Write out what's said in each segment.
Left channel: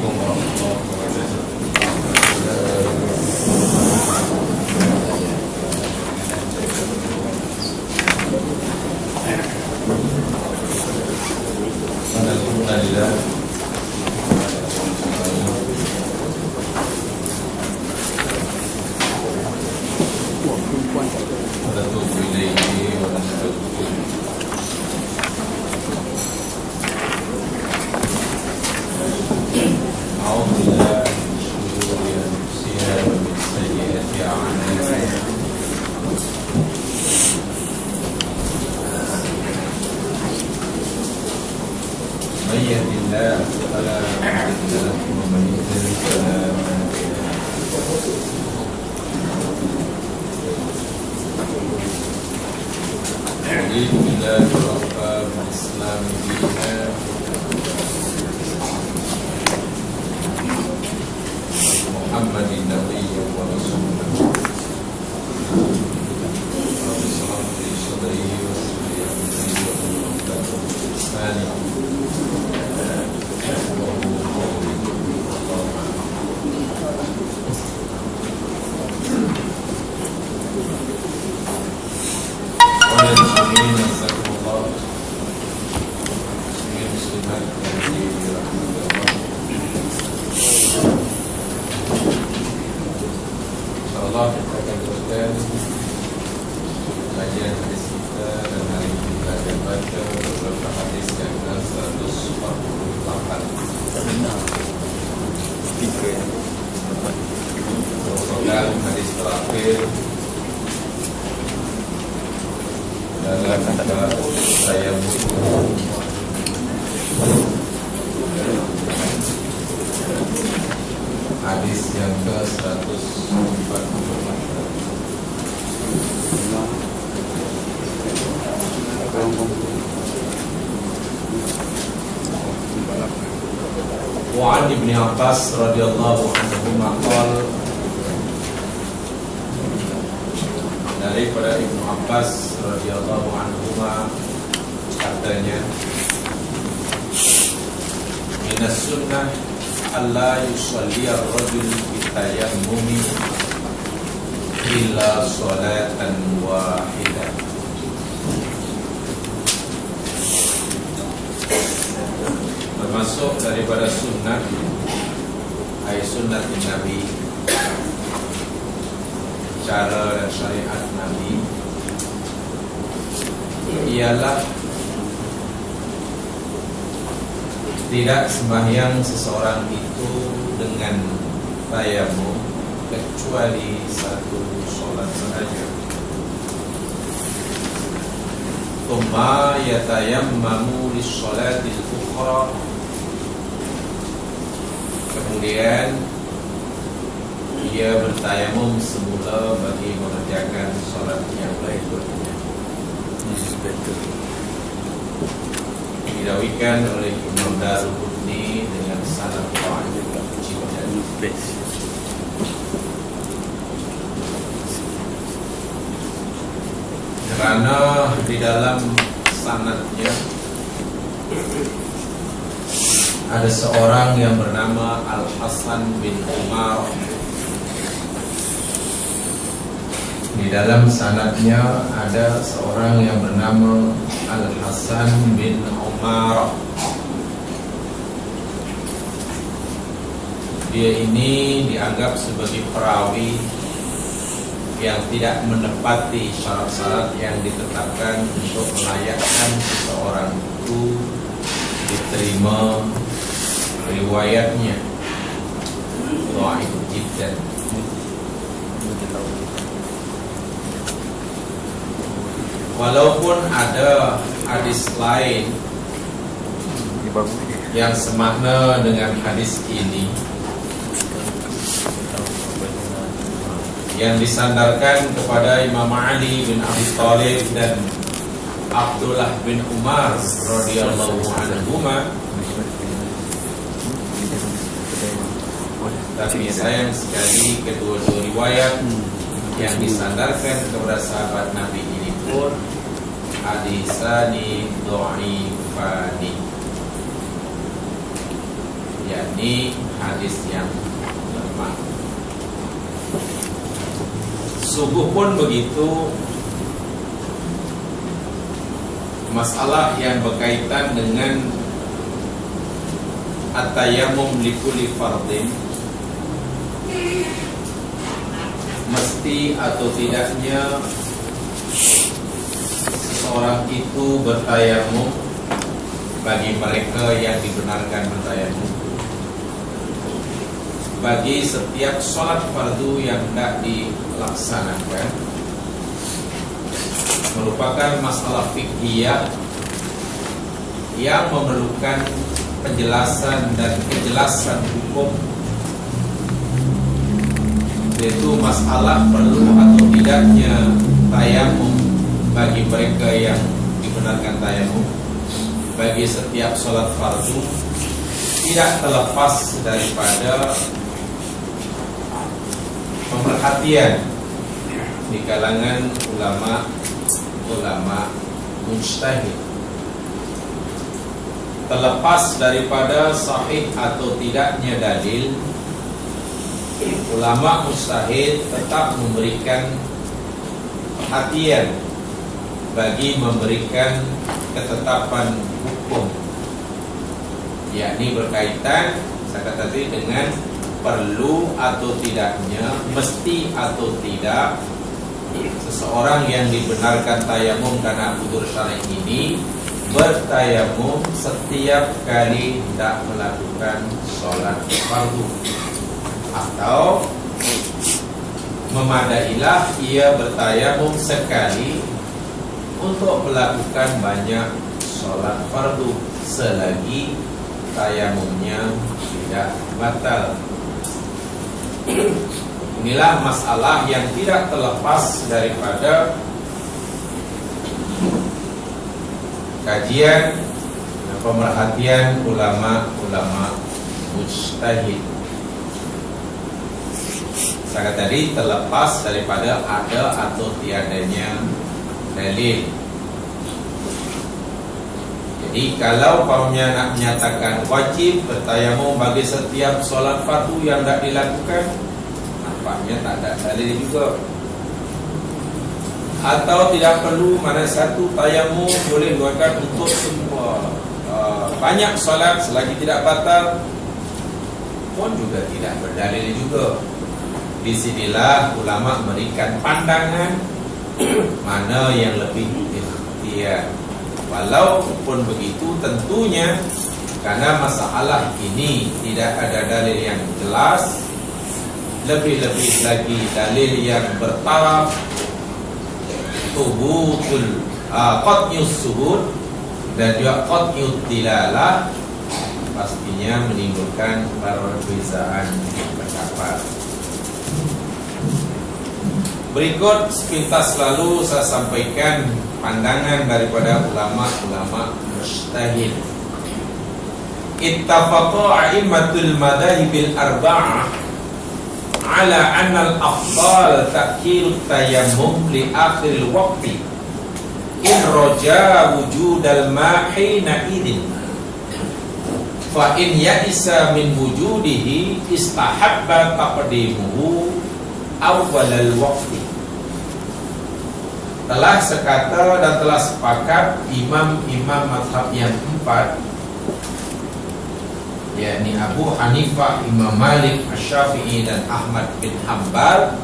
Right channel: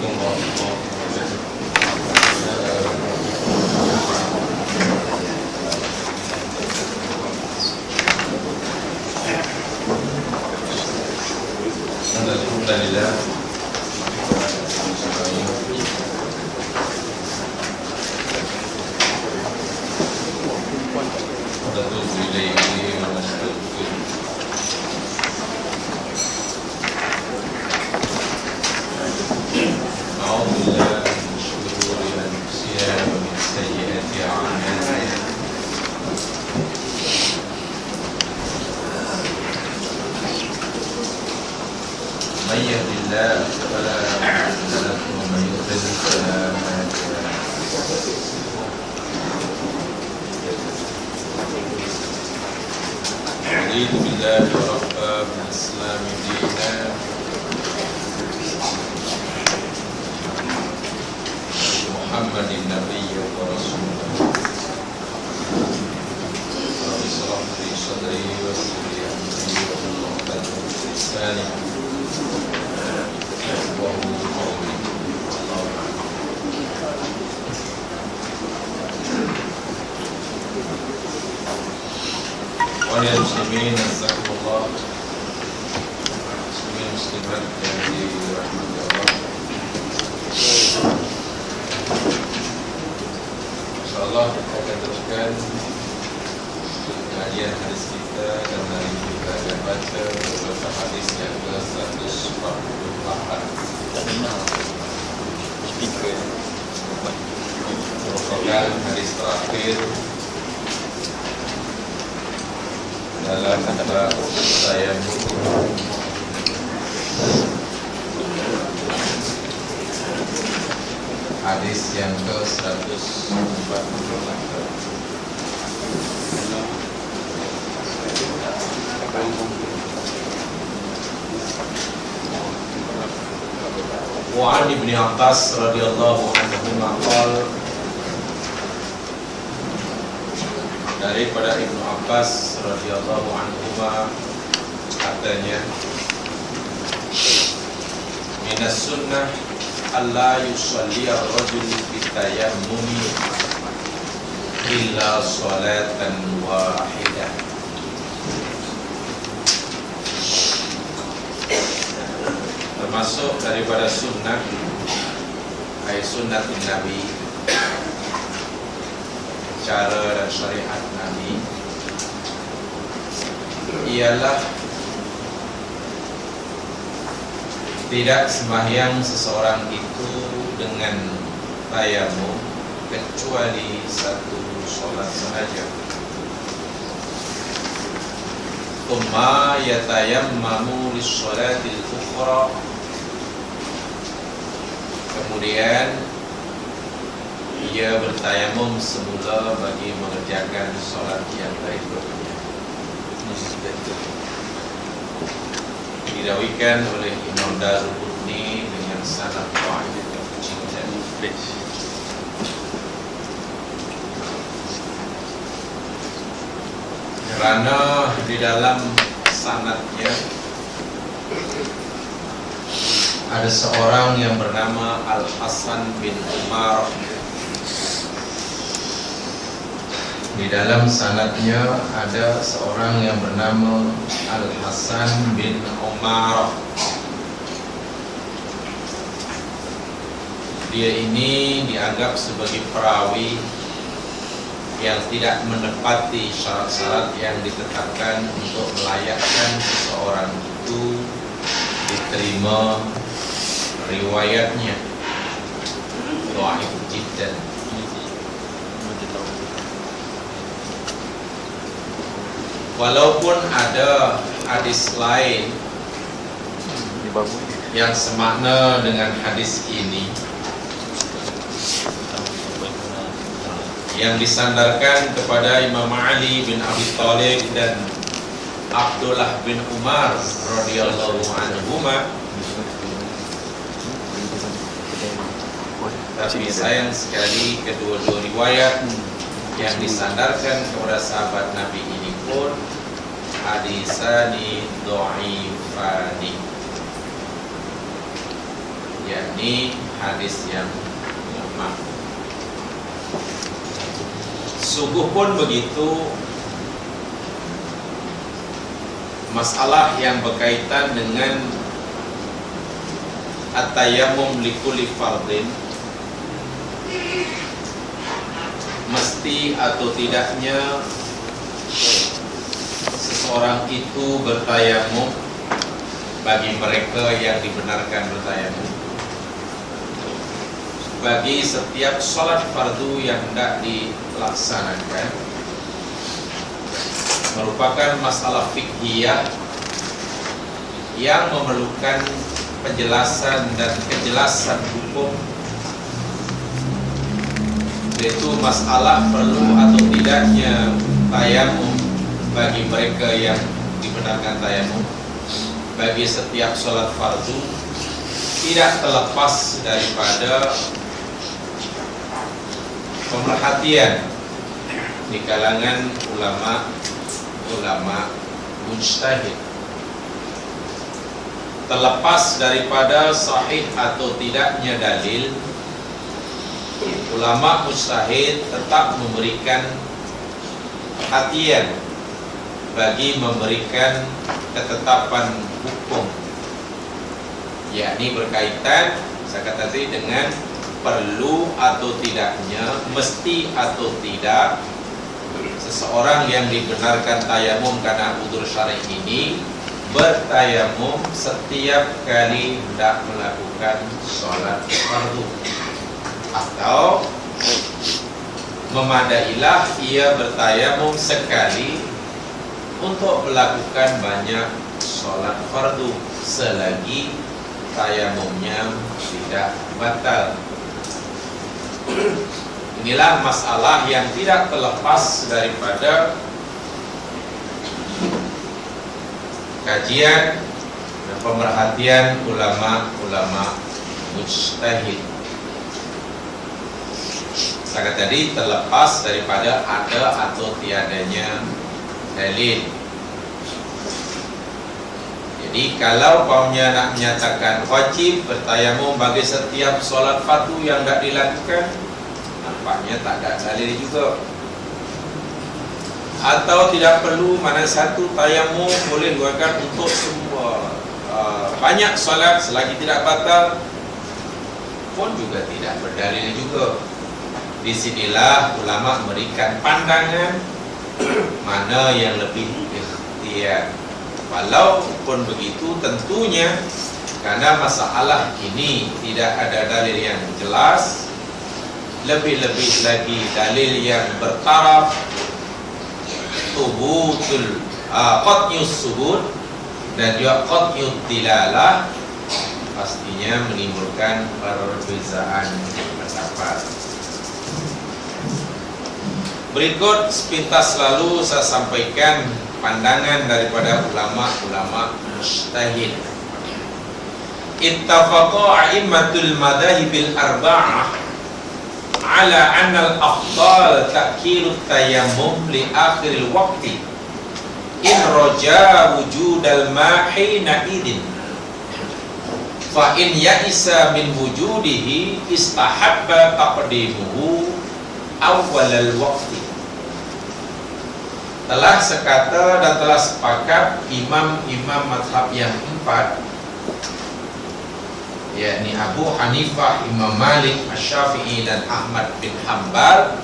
Assalamualaikum warahmatullahi wabarakatuh. Alhamdulillah. رضيت بالله ربا بالإسلام دينا محمد نبيا ورسولا رب اشرح لي صدري ويسر لي أمري واحلل عقدة من لساني يفقهوا قولي والله أعلم. Muslimin, jazakumullah. Muslimin muslimat yang dirahmati Allah. Insyaallah kita akan teruskan kajian hadis kita dan hari ini kita akan baca beberapa hadis yang ke-148. Tak dengar speaker ya. Merupakan hadis terakhir dalam bab tayammum. Hadis yang ke-148. Wa 'an Ibnu Abbas radhiyallahu anhu qala, daripada Ibnu Abbas radhiyallahu anhuma katanya, minas sunnah alla yusalli ar-rajul bitayammumi illa salatan wahidah. Termasuk daripada sunnah ay sunnatin Nabi, cara dan syariat Nabi, ialah tidak sembahyang seseorang itu dengan tayammum kecuali satu solat sahaja. Tsumma yatayammamu lis-sholatil ukhra, kemudian ia bertayamum semula bagi mengerjakan solat yang berikutnya. Dirawikan oleh Imam Daruqutni dengan sanad dhaif jiddan. Kerana di dalam sanadnya ada seorang yang bernama Al-Hasan bin Umar. Di dalam sanadnya ada seorang yang bernama Al-Hasan bin Umar. Dia ini dianggap sebagai perawi yang tidak menepati syarat-syarat yang ditetapkan untuk melayakkan seseorang itu diterima riwayatnya. Dhaif jiddan. Walaupun ada hadis lain yang semakna dengan hadis ini, yang disandarkan kepada Imam Ali bin Abi Thalib dan Abdullah bin Umar radhiyallahu anhuma, tapi sayang sekali kedua-dua riwayat yang disandarkan kepada sahabat Nabi ini pun hadisani dhaifani, yakni hadis yang lemah. Sungguh pun begitu, masalah yang berkaitan dengan at-tayammum likulli fardhin, mesti atau tidaknya seseorang itu bertayamum bagi mereka yang dibenarkan bertayamum bagi setiap salat fardu yang hendak dilaksanakan, merupakan masalah fiqhiyah yang memerlukan penjelasan dan kejelasan hukum, yaitu masalah perlu atau tidaknya tayamum bagi mereka yang dibenarkan tayamum bagi setiap salat fardu tidak terlepas daripada pemerhatian di kalangan ulama mujtahid. Terlepas daripada sahih atau tidaknya dalil, ulama mujtahid tetap memberikan perhatian bagi memberikan ketetapan hukum, yakni berkaitan saya kata tadi dengan perlu atau tidaknya, mesti atau tidak seseorang yang dibenarkan tayamum karena udzur syar'i ini bertayamum setiap kali hendak melakukan sholat fardu, atau memadailah ia bertayamum sekali untuk melakukan banyak sholat fardu selagi tayamumnya tidak batal. Inilah masalah yang tidak terlepas daripada kajian dan pemerhatian ulama-ulama mujtahid. Saya tadi terlepas daripada ada atau tiadanya dalil. Jadi kalau kaumnya nak menyatakan wajib bertayamum bagi setiap solat fardu yang tidak dilakukan, nampaknya tak ada dalil juga. Atau tidak perlu mana satu tayamum boleh dilakukan untuk semua banyak solat selagi tidak batal, pun juga tidak berdalil juga. Di sinilah ulama memberikan pandangan mana yang lebih ikhtiar. Walaupun begitu, tentunya karena masalah ini tidak ada dalil yang jelas, lebih-lebih lagi dalil yang bertaraf thubutul qat'iyus subut dan juga qat'iyud dilalah, pastinya menimbulkan perbezaan pendapat. Berikut sepintas lalu saya sampaikan pandangan daripada ulama-ulama mujtahid. Ittafaqa a'immatul madhahibil arba'ah ala anna al-afdal ta'khirut tayammum li akhiril waqti in raja wujudal ma'hina idin, fa in ya'isa min wujudihi istahabba taqdimuhu awwalal waqti. Telah sekata dan telah sepakat imam-imam mazhab yang empat, yakni Abu Hanifah, Imam Malik, Asy-Syafi'i dan Ahmad bin Hanbal.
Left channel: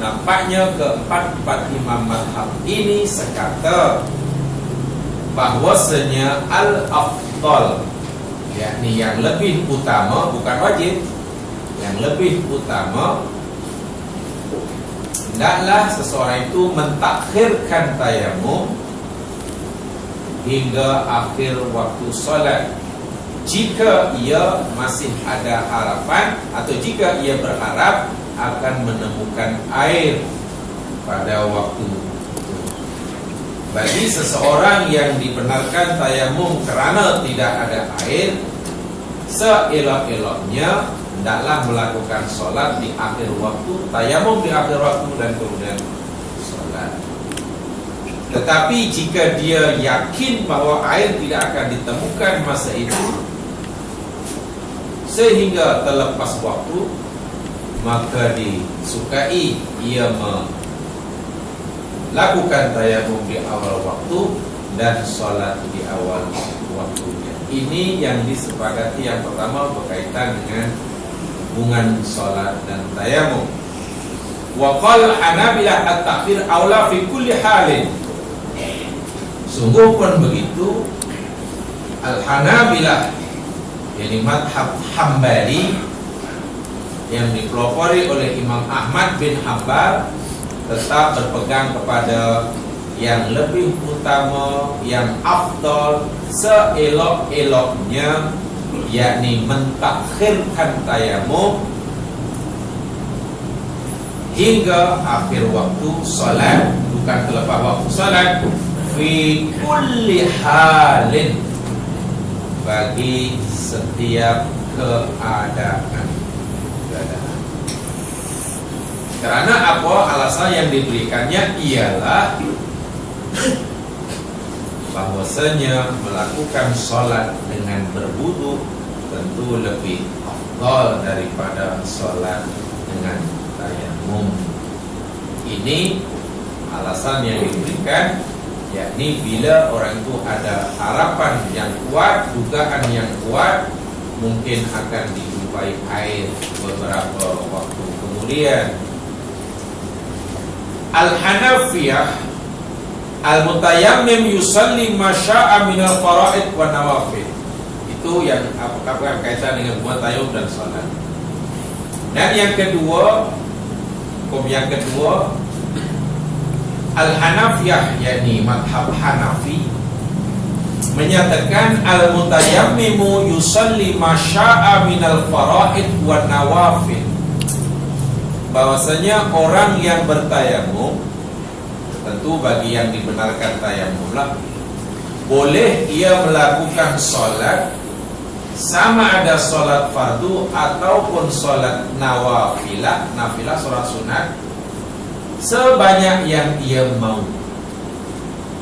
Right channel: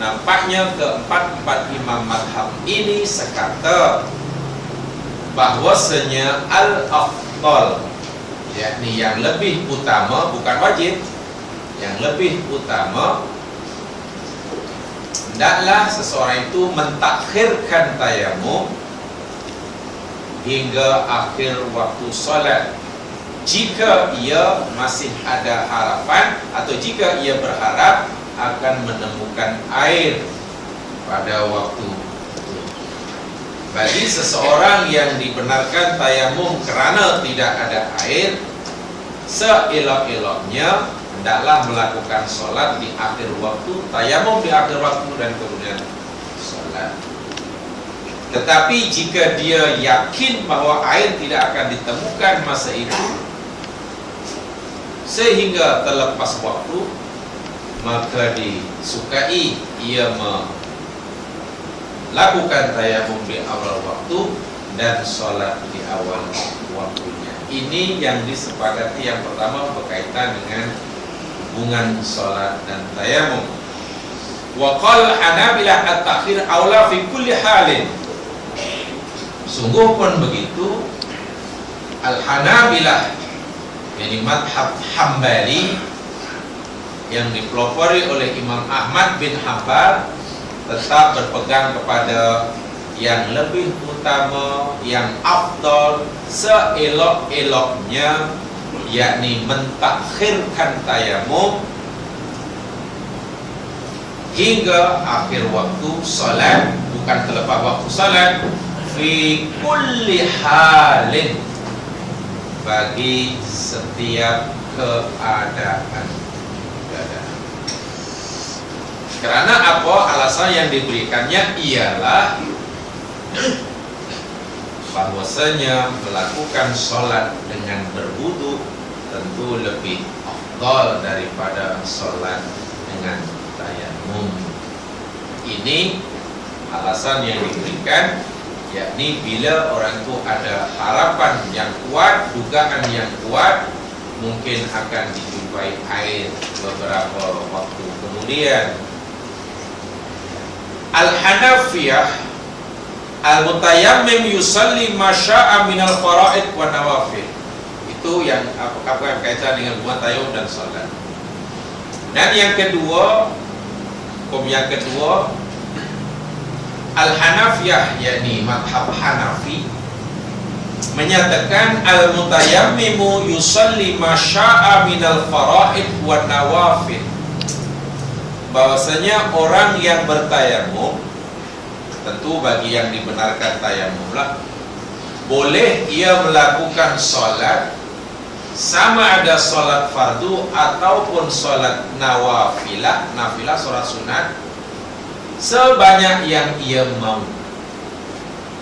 Nampaknya keempat-empat imam mazhab ini sekata bahwasanya al-afdal, yakni yang lebih utama, bukan wajib, yang lebih utama, hendaklah seseorang itu mentakhirkan tayamum hingga akhir waktu solat jika ia masih ada harapan atau jika ia berharap akan menemukan air pada waktu itu. Bagi seseorang yang dibenarkan tayamum kerana tidak ada air, seelok-eloknya hendaklah melakukan solat di akhir waktu, tayamum di akhir waktu dan kemudian solat. Tetapi jika dia yakin bahwa air tidak akan ditemukan masa itu, sehingga terlepas waktu, maka disukai ia melakukan tayamum di awal waktu dan sholat di awal waktunya. Ini yang disepakati yang pertama berkaitan dengan hubungan sholat dan tayamum. Wa qala Hanabilah at-ta'khir aula fi kulli halin. Sungguh pun begitu, Al-Hanabilah, yakni madhab Hambali yang dipelopori oleh Imam Ahmad bin Hanbal, tetap berpegang kepada yang lebih utama, yang afdal, seelok-eloknya, yakni mentakhirkan tayamum hingga akhir waktu salat, bukan terlepas waktu salat, fi kulli halin, bagi setiap keadaan. Karena apa? Alasan yang diberikannya ialah bahwasanya melakukan sholat dengan berwudu tentu lebih afdal daripada sholat dengan tayamum. Ini alasan yang diberikan, yakni bila orang itu ada harapan yang kuat, dugaan yang kuat, mungkin akan dijumpai air beberapa waktu kemudian. Al-Hanafiyah al-mutayammim yusalli ma syaa minal faraid wa nawafil. Itu yang apa kaitan dengan buat tayamum dan salat. Dan yang kedua, Al-Hanafiyah, yakni madhab Hanafi, menyatakan al-mutayammimu yusalli ma syaa minal faraid wa nawafil, bahwasanya orang yang bertayamum, tentu bagi yang dibenarkan tayamum lah, boleh ia melakukan solat, sama ada solat fardu ataupun solat nawafilah, nafilah solat sunat, sebanyak yang ia mau,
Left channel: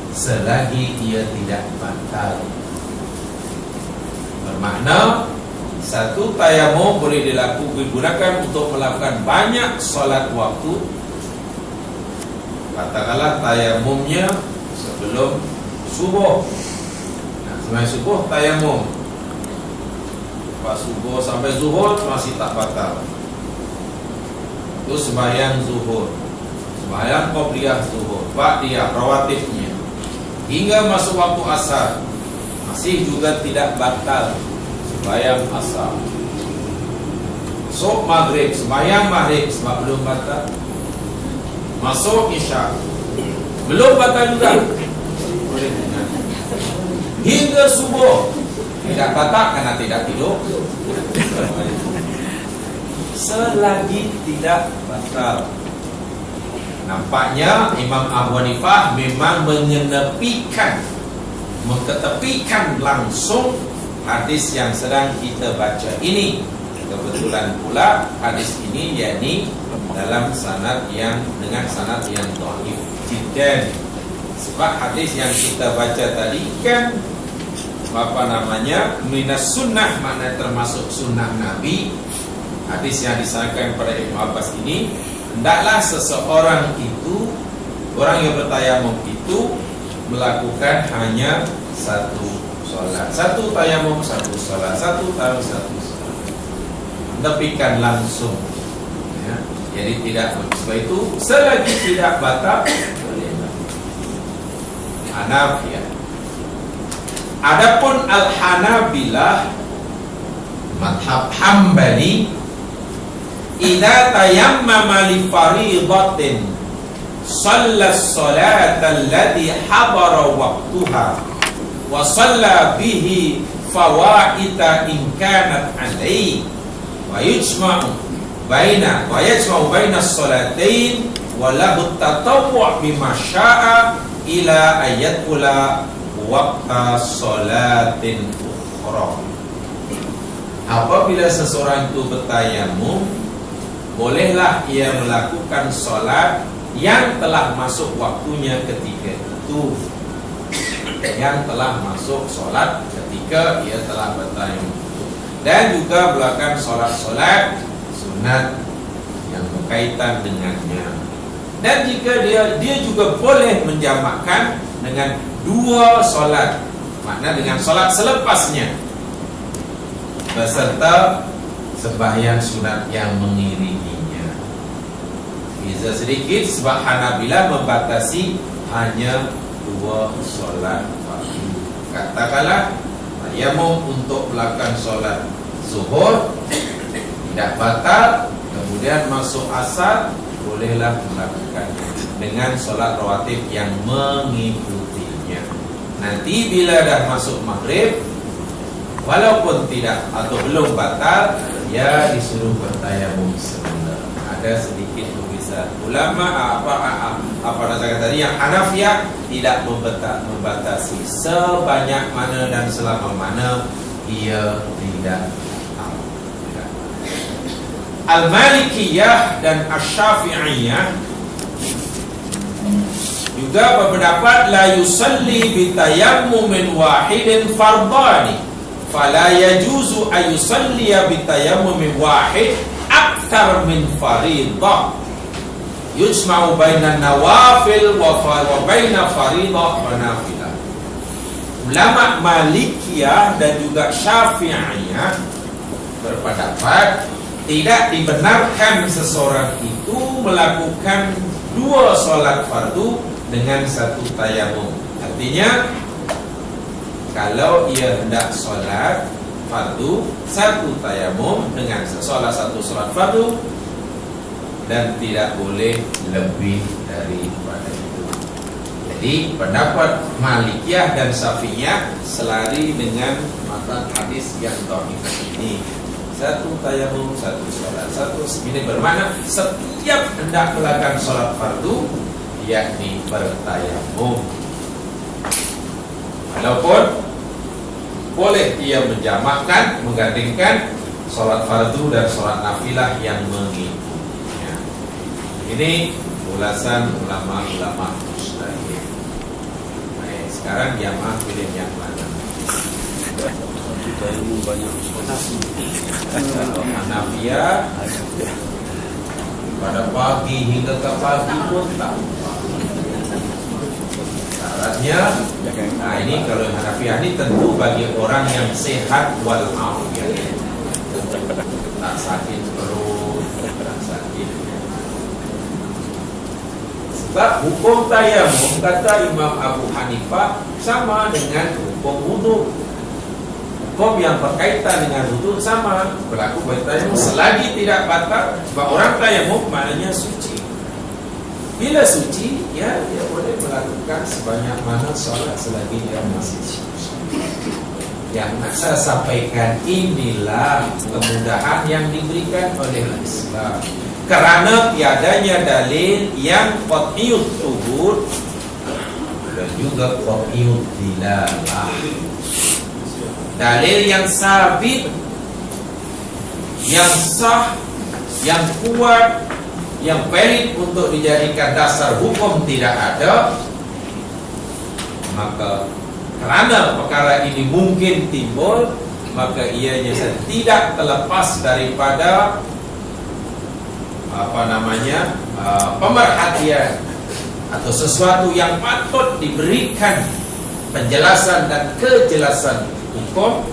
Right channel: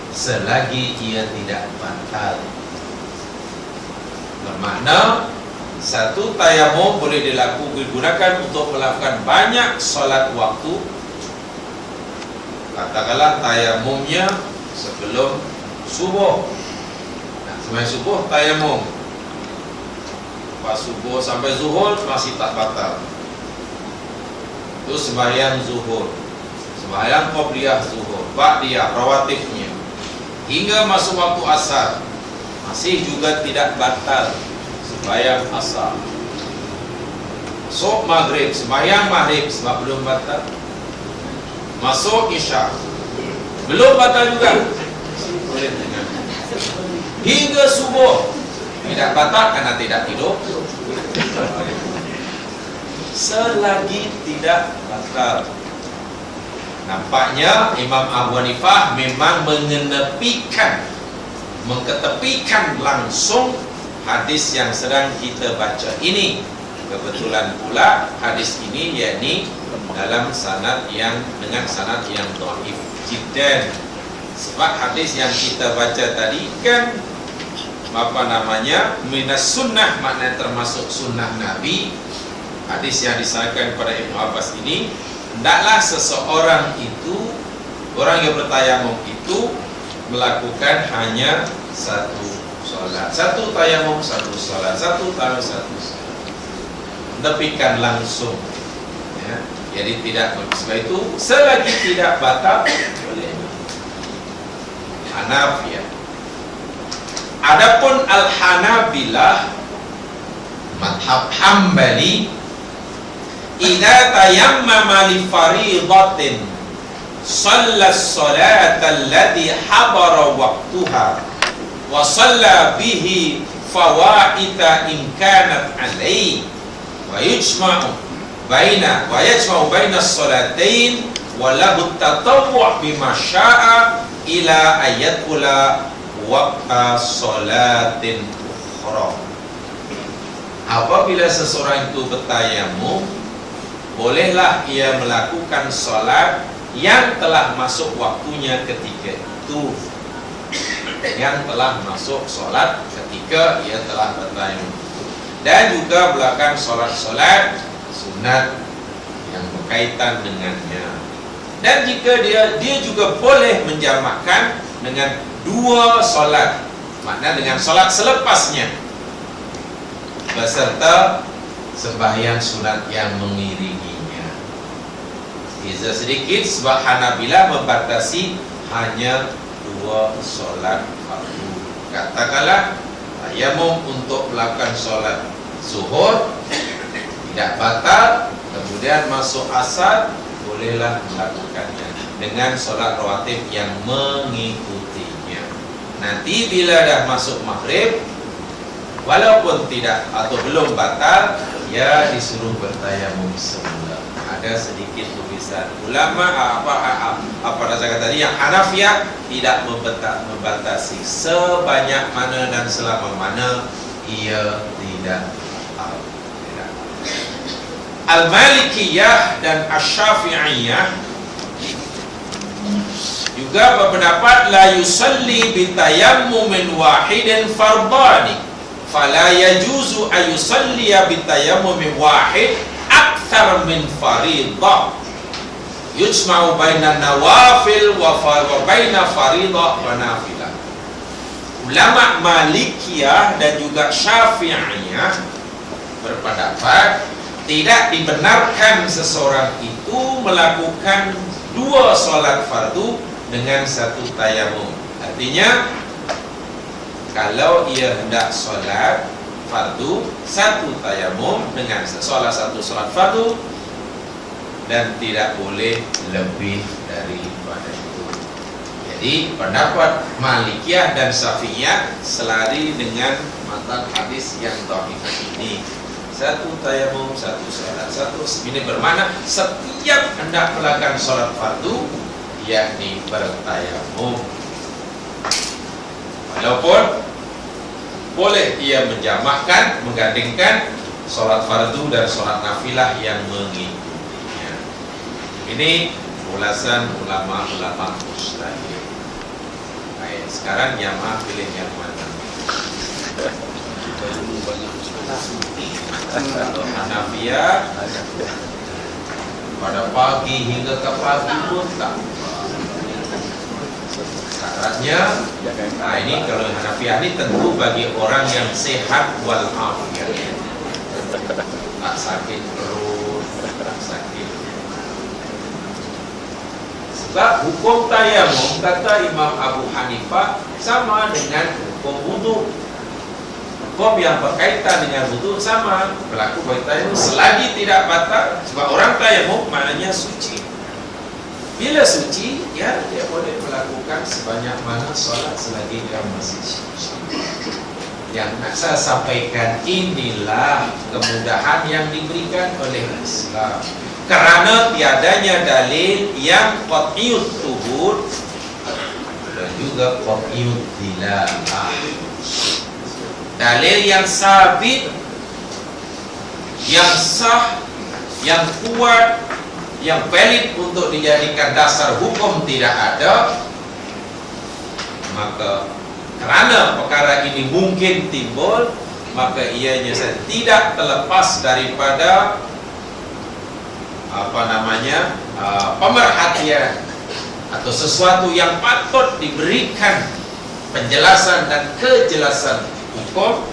selagi ia tidak batal. Bermakna satu tayamum boleh digunakan untuk melakukan banyak solat waktu. Katakanlah tayamumnya sebelum subuh. Sebelum subuh tayamum, pas subuh sampai zuhur masih tak batal, itu sembahyang zuhur, sembahyang qobliyah zuhur, ba'diyah rawatibnya, hingga masuk waktu asar masih juga tidak batal sembahyang asar. Masuk maghrib, sembahyang maghrib sebab belum batal. Masuk isya belum batal juga, boleh tidak. Hingga subuh tidak batal karena tidak tidur, selagi tidak batal. Nampaknya Imam Abu Hanifah memang mengetepikan langsung hadis yang sedang kita baca ini. Kebetulan pula hadis ini yakni dalam sanad yang dengan sanad yang dhaif jiddan. Sebab hadis yang kita baca tadi kan minas sunnah, maknanya termasuk sunnah Nabi. Hadis yang disahkan kepada Ibnu Abbas ini, hendaklah seseorang itu, orang yang bertayamum itu, melakukan hanya satu solat, satu tayamum satu solat, satu tayamum satu solat, tepikan langsung ya. Jadi tidak, sebab itu selagi tidak batal boleh. Hanafiyah. Adapun Al-Hanabilah madhab Hambali, idza tayammama li fariidatin shalla as-salata allati habara waqtuha wa shalla bihi fawaita in kanat alayhi wa yajma'u baina as-salatain wa lahu at-tatawwu' bima syaa ila ayatula waqta salatin ukhra. Apabila seseorang itu bertayamum, bolehlah ia melakukan salat yang telah masuk waktunya ketika itu, yang telah masuk salat ketika ia telah bertayamum. dan juga melakukan solat-solat sunat yang berkaitan dengannya. Dan jika dia juga boleh menjamakkan dengan 2 solat, makna dengan solat selepasnya, beserta sembahyang sunat yang mengiringinya. Beza sedikit sebab Hanabilah membatasi hanya 2 solat fardu. Katakanlah tayamum untuk melakukan solat zuhur tidak batal, kemudian masuk asar, bolehlah melakukannya dengan solat rawatib yang mengikutinya. Nanti bila dah masuk maghrib, walaupun tidak atau belum batal, ya disuruh bertayamum semula. Ada sedikit perbezaan ulama. Apa nasihat tadi yang Hanafiyah tidak membatasi sebanyak mana dan selama mana ia tidak. Al-Malikiyah dan Asy-Syafi'iyah juga berpendapat la yusalli bitayammumin wahidin fardani fala yajuzu ay yusalliya bitayammumin wahid akthar min faridah yujma'u bainan nawafil wa baina faridah wa nafilah. Ulama Malikiyah dan juga Syafi'iyah berpendapat tidak dibenarkan seseorang itu melakukan 2 solat fardu dengan 1 tayamum. Artinya kalau ia hendak solat fardu 1 tayamum dengan solat 1 solat fardu, dan tidak boleh lebih daripada itu. Jadi pendapat Malikiyah dan Syafi'iyah selari dengan matan hadis yang dhaif ini. 1 tayamum, 1 solat. Ini bermakna setiap hendak melakukan solat fardu, yakni bertayamum. Walaupun boleh ia menjamakkan, menggandingkan solat fardu dan solat nafilah yang mengikutinya. Ini ulasan ulama-ulama mujtahid. Baik, sekarang jamaah pilih yang mana? Kita ilmu banyak Kalau Hanafiyah pada pagi hingga ke pagi pun tak syaratnya. Nah ini kalau Hanafiyah ini tentu bagi orang yang sehat walafiat, tak sakit perut, tak sakit. Sebab hukum tayamum kata Imam Abu Hanifah sama dengan hukum wudu. Hukum yang berkaitan dengan wudu sama berlaku bagi tayamum selagi tidak batal. Sebab orang tayamum maknanya suci. Bila suci, ya dia boleh melakukan sebanyak mana solat selagi dia masih suci. Yang nak saya sampaikan, inilah kemudahan yang diberikan oleh Islam. Kerana tiadanya dalil yang qat'iyut thubut dan juga qat'iyut dilalah. Dalil yang sabit, yang sah, yang kuat, yang valid untuk dijadikan dasar hukum tidak ada. Maka kerana perkara ini mungkin timbul, maka ianya tidak terlepas daripada pemerhatian atau sesuatu yang patut diberikan penjelasan dan kejelasan hukum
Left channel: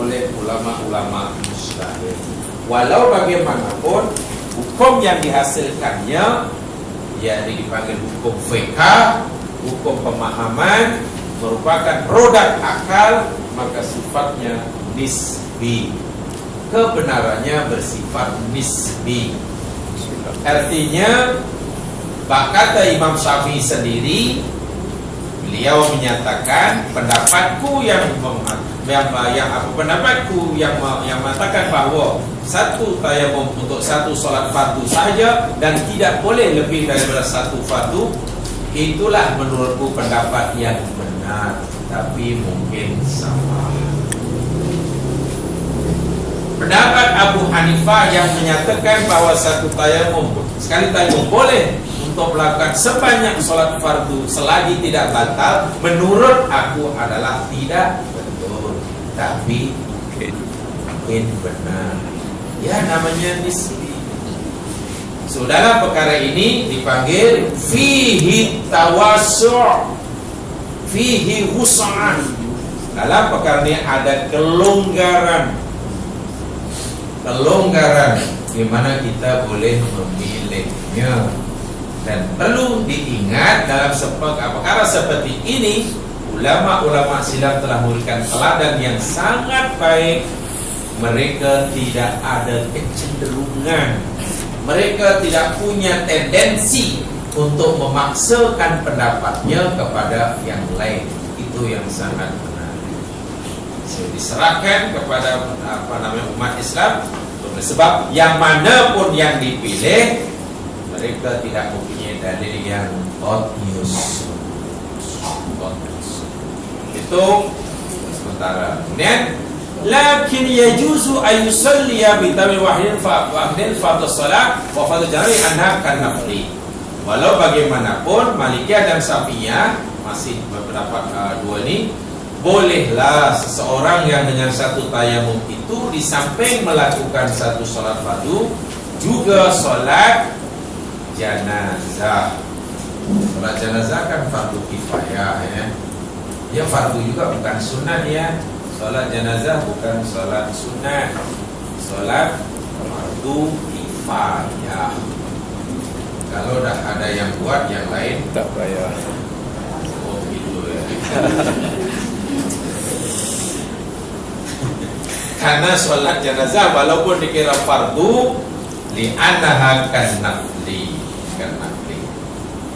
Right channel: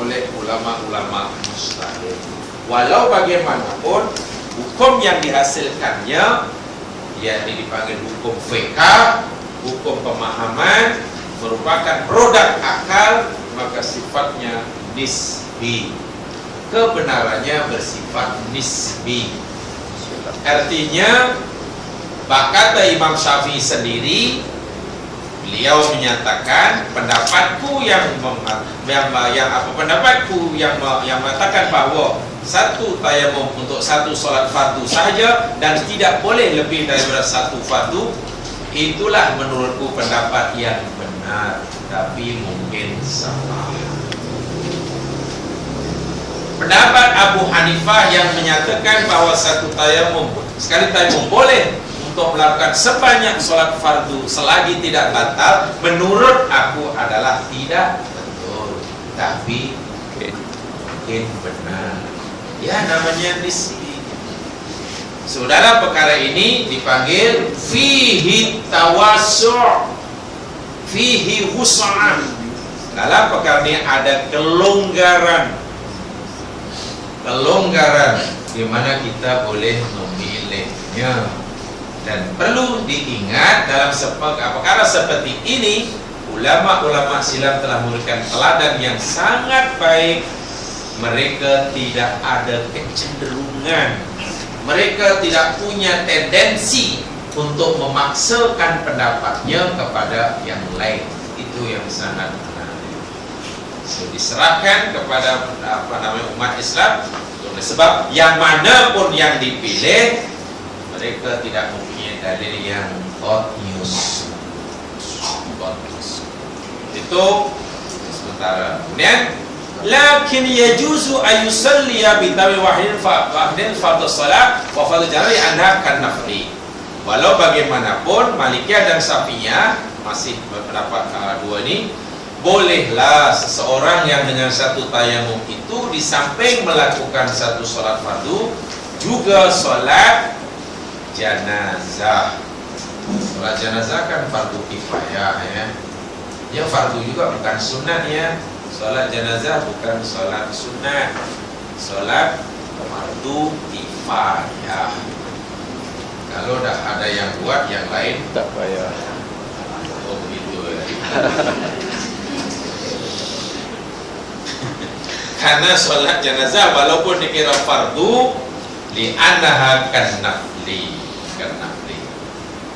oleh ulama-ulama mujtahid. Walau bagaimanapun hukum yang dihasilkannya yakni dipanggil hukum fiqh, hukum pemahaman, merupakan produk akal, maka sifatnya nisbi. Kebenarannya bersifat nisbi. Artinya kata Imam Syafi'i sendiri, beliau menyatakan pendapatku yang mengatakan bahawa 1 tayamum untuk 1 solat fardu saja dan tidak boleh lebih daripada 1 fardu, itulah menurutku pendapat yang benar, tapi mungkin salah. Pendapat Abu Hanifah yang menyatakan bahawa 1 tayamum, sekali tayamum boleh untuk melakukan sebanyak solat fardu selagi tidak batal, menurut aku adalah tidak betul. Tapi mungkin benar. Ya namanya nisbi. So dalam perkara ini dipanggil fihi tawassu', fihi wus'an. Dalam perkara ini ada kelonggaran di mana kita boleh memilihnya. Dan perlu diingat dalam perkara seperti ini, ulama-ulama silam telah memberikan teladan yang sangat baik. Mereka tidak ada kecenderungan, mereka tidak punya tendensi untuk memaksakan pendapatnya kepada yang lain. Itu yang sangat menarik. So, diserahkan kepada umat Islam. Sebab yang mana pun yang dipilih, mereka tidak mempunyai dalil yang obvious. Itu sementara. Kemudian, lakin yajuzu ayusalliya bitawil wahidin fa'abdin fardhu salat wa fardhu jari anha kan nafli. Walau bagaimanapun Malikiyah dan Syafi'iyah masih berpendapat dua ini, bolehlah seseorang yang dengan satu tayamum itu di samping melakukan satu solat fardu juga solat jenazah. Solat jenazah kan fardu kifayah ya. Ya fardu juga bukan sunat ya. Solat jenazah bukan solat sunat. Solat fardu kifayah. Kalau dah ada yang buat, yang lain tak payah. Oh gitu ya. Karena solat jenazah walaupun dikira fardu, li'annaha kan nafli.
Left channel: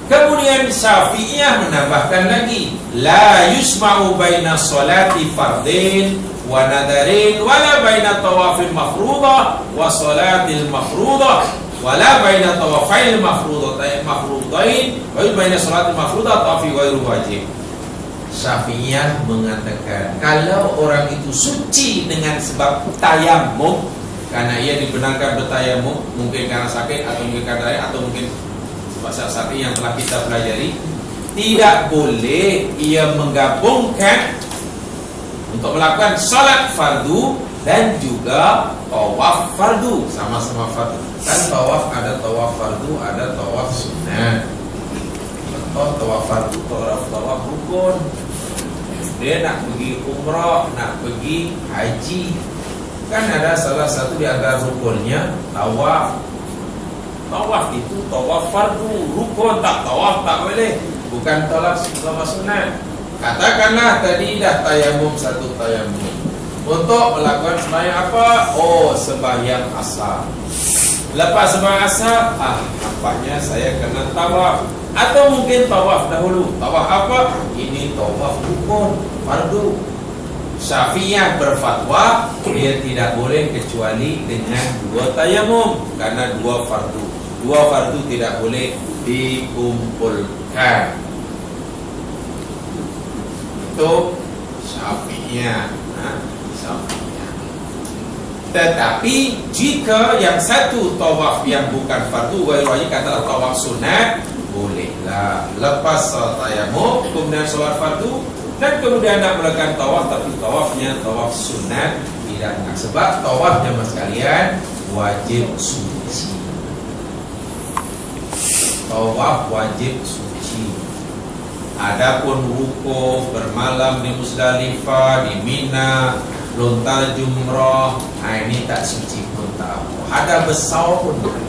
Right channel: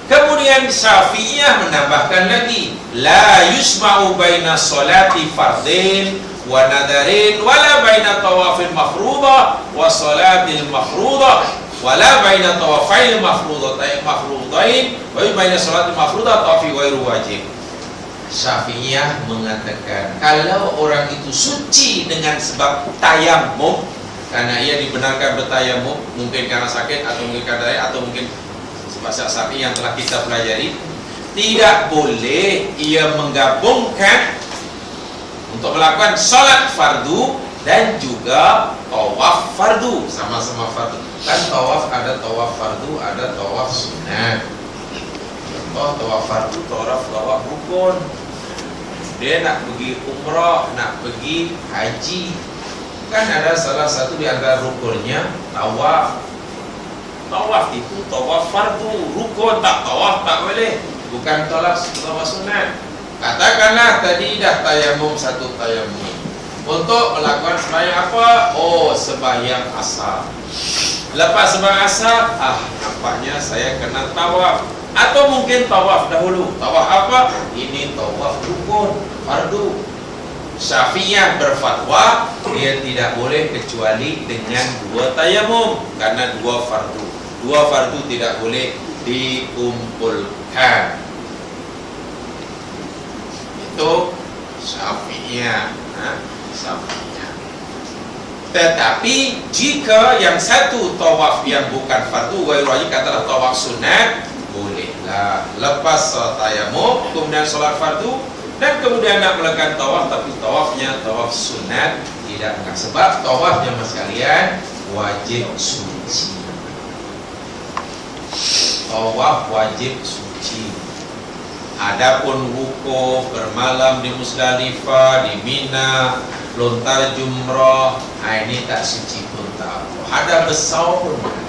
Kemudian Syafi'iyah menambahkan lagi, la yusma'u baina salati fardin wa nadarin wala baina tawafil mafruḍah wa salatil mafruḍah wala baina tawafail mafruḍain wa baina salatil mafruḍah tawafi ghairu wajib. Syafi'iyah mengatakan kalau orang itu suci dengan sebab tayamum, karena ia dibenarkan bertayamum, mungkin karena sakit atau mungkin karena lain, atau mungkin bahasa Syafi'i yang telah kita pelajari, tidak boleh ia menggabungkan untuk melakukan salat fardu dan juga tawaf fardu, sama-sama fardu. Kan tawaf ada tawaf fardu, ada tawaf sunnah. Contoh tawaf fardu, tawaf rukun. Dia nak pergi umrah, nak pergi haji, kan ada salah satu di antara rukunnya tawaf. Tawaf itu tawaf fardu, rukun tak tawaf tak boleh, bukan tawaf sunat. Katakanlah tadi dah tayamum satu tayamum untuk melakukan sembahyang apa? Oh, sembahyang asar. Lepas sembahyang asar, nampaknya saya kena tawaf. Atau mungkin tawaf dahulu. Tawaf apa? Ini tawaf rukun, fardu. Syafi'iyah berfatwa dia tidak boleh kecuali dengan dua tayamum, karena dua fardu. Dua fardu tidak boleh dikumpulkan. Itu Syafi'iyah. Syafi'iyah. Tetapi jika yang satu tawaf yang bukan fardu ghairu wajib, katalah tawaf sunat, bolehlah lepas salat tayamum kemudian solat fardu dan kemudian nak melakukan tawaf, tapi tawafnya tawaf sunat tidak enggak, sebab tawafnya mas sekalian wajib suci. Tawaf wajib suci. Adapun wukuf bermalam di Musdalifah, di Mina, lontar jumrah, ini tak suci pun tak apa. Ada besar pun boleh.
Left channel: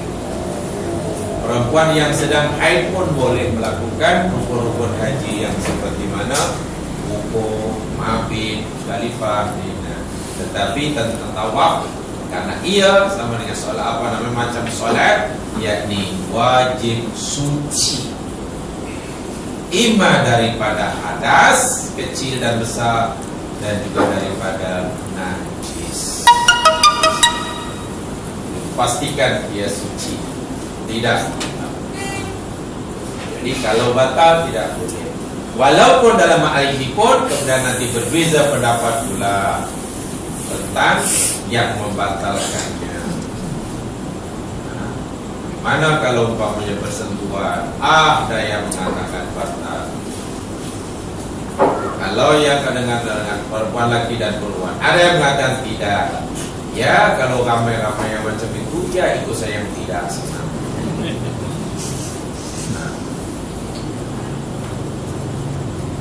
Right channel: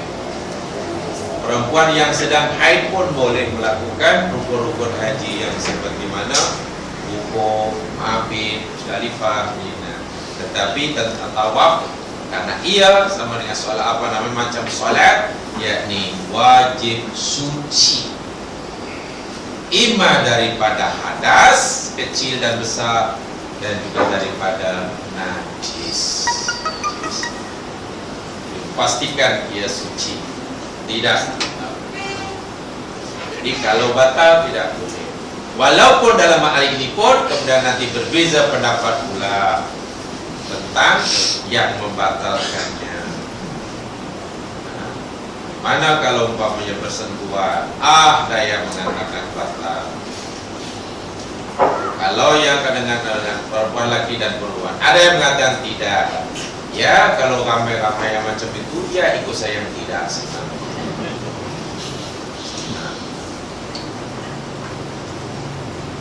Perempuan yang sedang haid pun boleh melakukan rukun-rukun haji yang seperti mana wukuf, mabit, Musdalifah, Mina. Tetapi tentang tawaf, karena ia sama dengan solat macam solat, yakni wajib suci, ima daripada hadas kecil dan besar dan juga daripada najis. Pastikan ia suci. Tidak. Jadi kalau batal tidak boleh. Walaupun dalam hal ini pun kemudian nanti berbeza pendapat pula tentang yang membatalkannya. Mana kalau umpamanya bersentuhan, ada yang mengatakan batal. Kalau yang kadang-kadang dengan perempuan laki dan perempuan, ada yang mengatakan tidak. Ya kalau ramai-ramai yang macam itu, ya ikut saya yang tidak senang.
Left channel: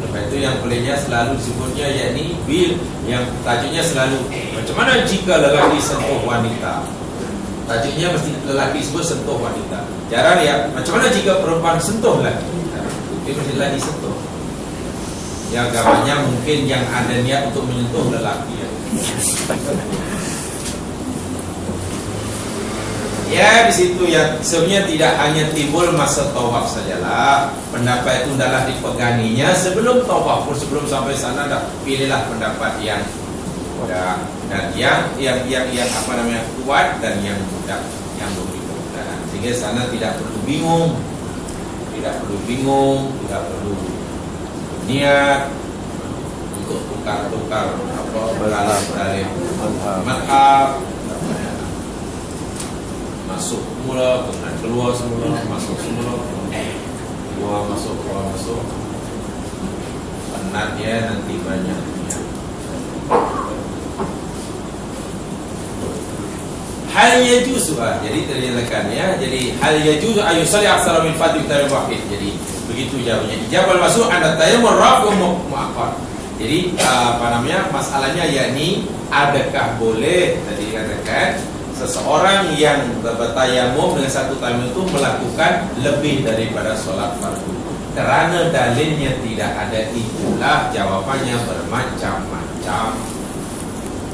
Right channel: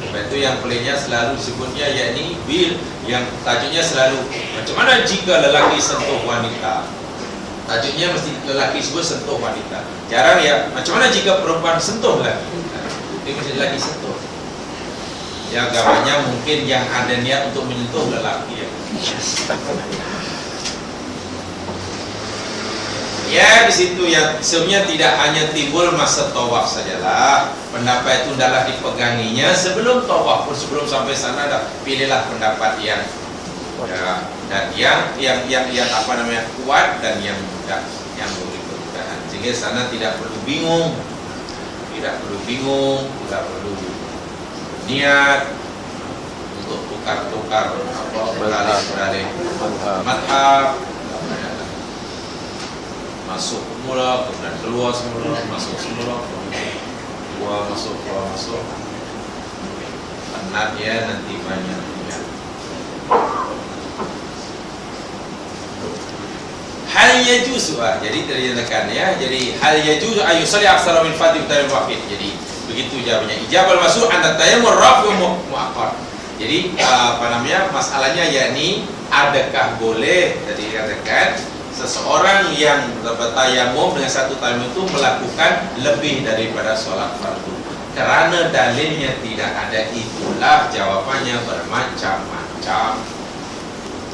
Sebab itu yang peliknya selalu disebutnya, yakni bil, yang tajuknya selalu macam mana jika lelaki sentuh wanita. Tajuknya mesti lelaki sebut sentuh wanita. Jarang ya, macam mana jika perempuan sentuh lelaki. Dia mesti lelaki sentuh. Ya agamanya mungkin yang ada niat untuk menyentuh lelaki ya. Ya di situ ya, sebenarnya tidak hanya timbul masa tawaf sajalah. Pendapat itu adalah dipeganginya sebelum tawaf pun, sebelum sampai sana dah pilihlah pendapat yang mudah dan yang apa namanya kuat dan yang mudah, yang memberi kemudahan, sehingga sana tidak perlu bingung, tidak perlu niat untuk tukar-tukar apa beralih madhab. Masuk mula, kemudian keluar semula, masuk semula, keluar masuk, penat ya nanti banyak ya. Hal yajuzu, jadi terjelakan ya. Jadi hal yajuzu ayusalli aksara min fardhi bitaril wahid. Jadi begitu jawabannya. Ijabal masuk anda tayammum rafi muakkad. Jadi apa namanya masalahnya, yakni adakah boleh tadi dikatakan seseorang yang bertayamum dengan satu tayamum itu melakukan lebih daripada sholat fardu karena dalilnya tidak ada. Itulah jawabannya bermacam-macam.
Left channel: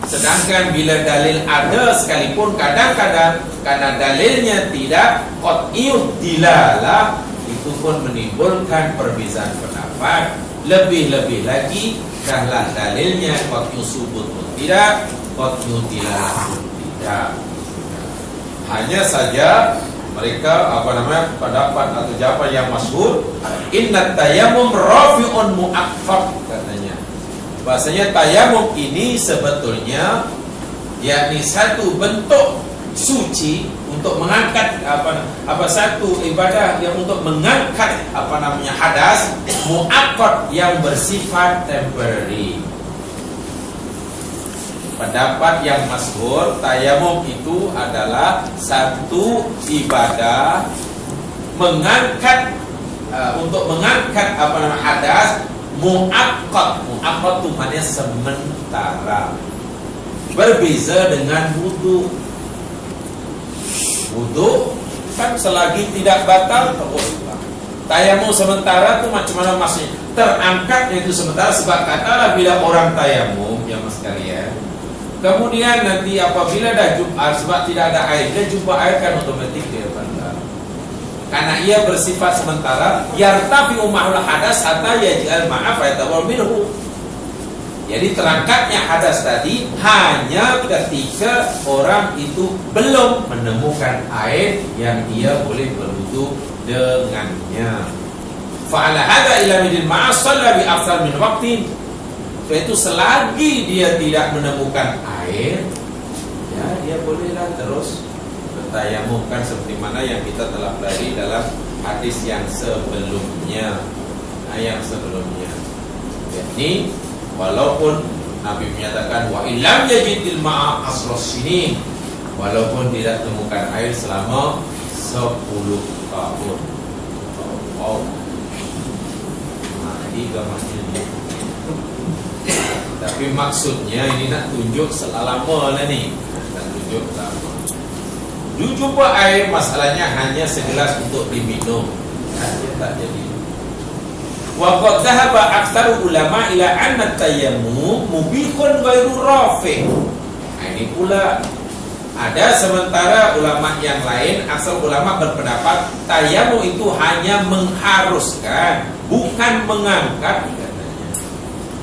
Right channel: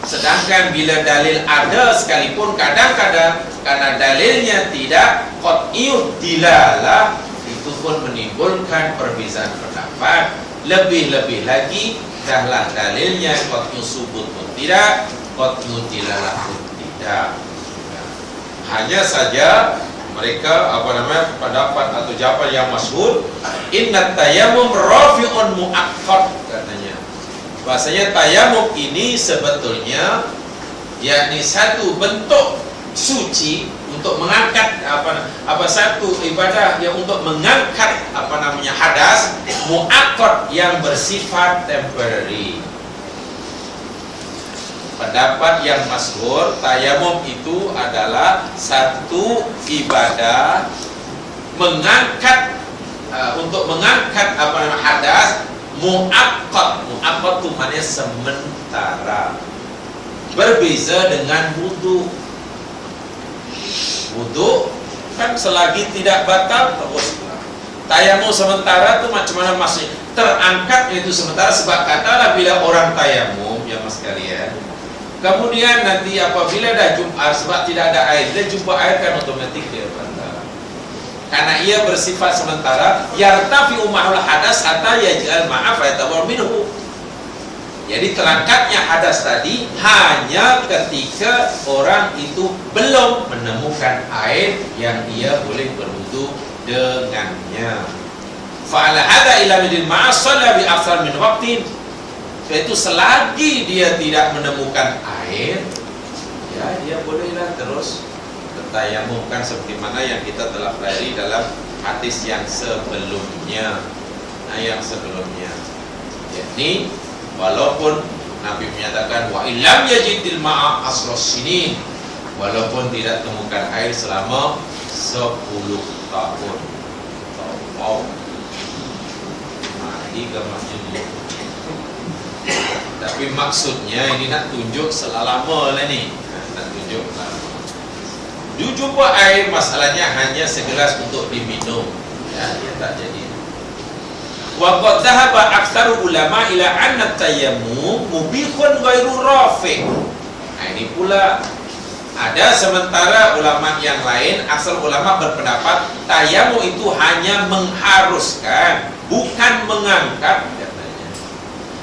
Sedangkan bila dalil ada sekalipun, kadang-kadang karena dalilnya tidak qat'iyud dilalah, itu pun menimbulkan perbezaan pendapat. Lebih-lebih lagi dahlah dalilnya qat'iyud subut pun tidak, qat'iyud dilalah pun tidak. Hanya saja mereka apa namanya pendapat atau jawaban yang masyhur, inna tayammum rafi'un muakkad, katanya bahasanya tayamum ini sebetulnya yakni satu bentuk suci untuk mengangkat apa satu ibadah yang untuk mengangkat apa namanya hadas muakkad yang bersifat temporary. Pendapat yang masyhur, tayamum itu adalah satu ibadah mengangkat untuk mengangkat apa namanya hadas muakkad. Muakkad itu maknanya sementara. Berbeza dengan wudu. Wudu kan selagi tidak batal teruslah. Tayamum sementara itu macam mana maksudnya? Terangkat itu sementara, sebab katalah bila orang tayamum ya mas sekalian, kemudian nanti apabila dah jumpa, sebab tidak ada air, dia jumpa air kan otomatik dia batal. Karena ia bersifat sementara, yartafi'u ma'ul hadas hatta yaj'al ma'a fa yatawar minhu. Jadi terangkatnya hadas tadi hanya ketika orang itu belum menemukan air yang dia boleh berwudu dengannya. Fa'ala hadza ila midil ma'a shalla bi aktsar min waqtin. Itu selagi dia tidak menemukan air, ya dia bolehlah terus bertayamum, kan seperti mana yang kita telah pelajari dalam hadis yang sebelumnya. Yang sebelumnya, yakni walaupun Nabi menyatakan wa illam yajidil ma'a asros sinin, walaupun tidak temukan air selama 10 tahun. Wow. Nah, 3 maksudnya. Tapi maksudnya ini nak tunjuk selama lah ni, nak tunjuk lama. Jumpa air masalahnya hanya segelas untuk diminum, ya, dia tak jadi. Wa qad dhahaba aktsaru ulama ila anna tayammum mubihun ghairu rafi'. Nah, ini pula ada sementara ulama yang lain, asal ulama berpendapat tayammum itu hanya mengharuskan, bukan mengangkat.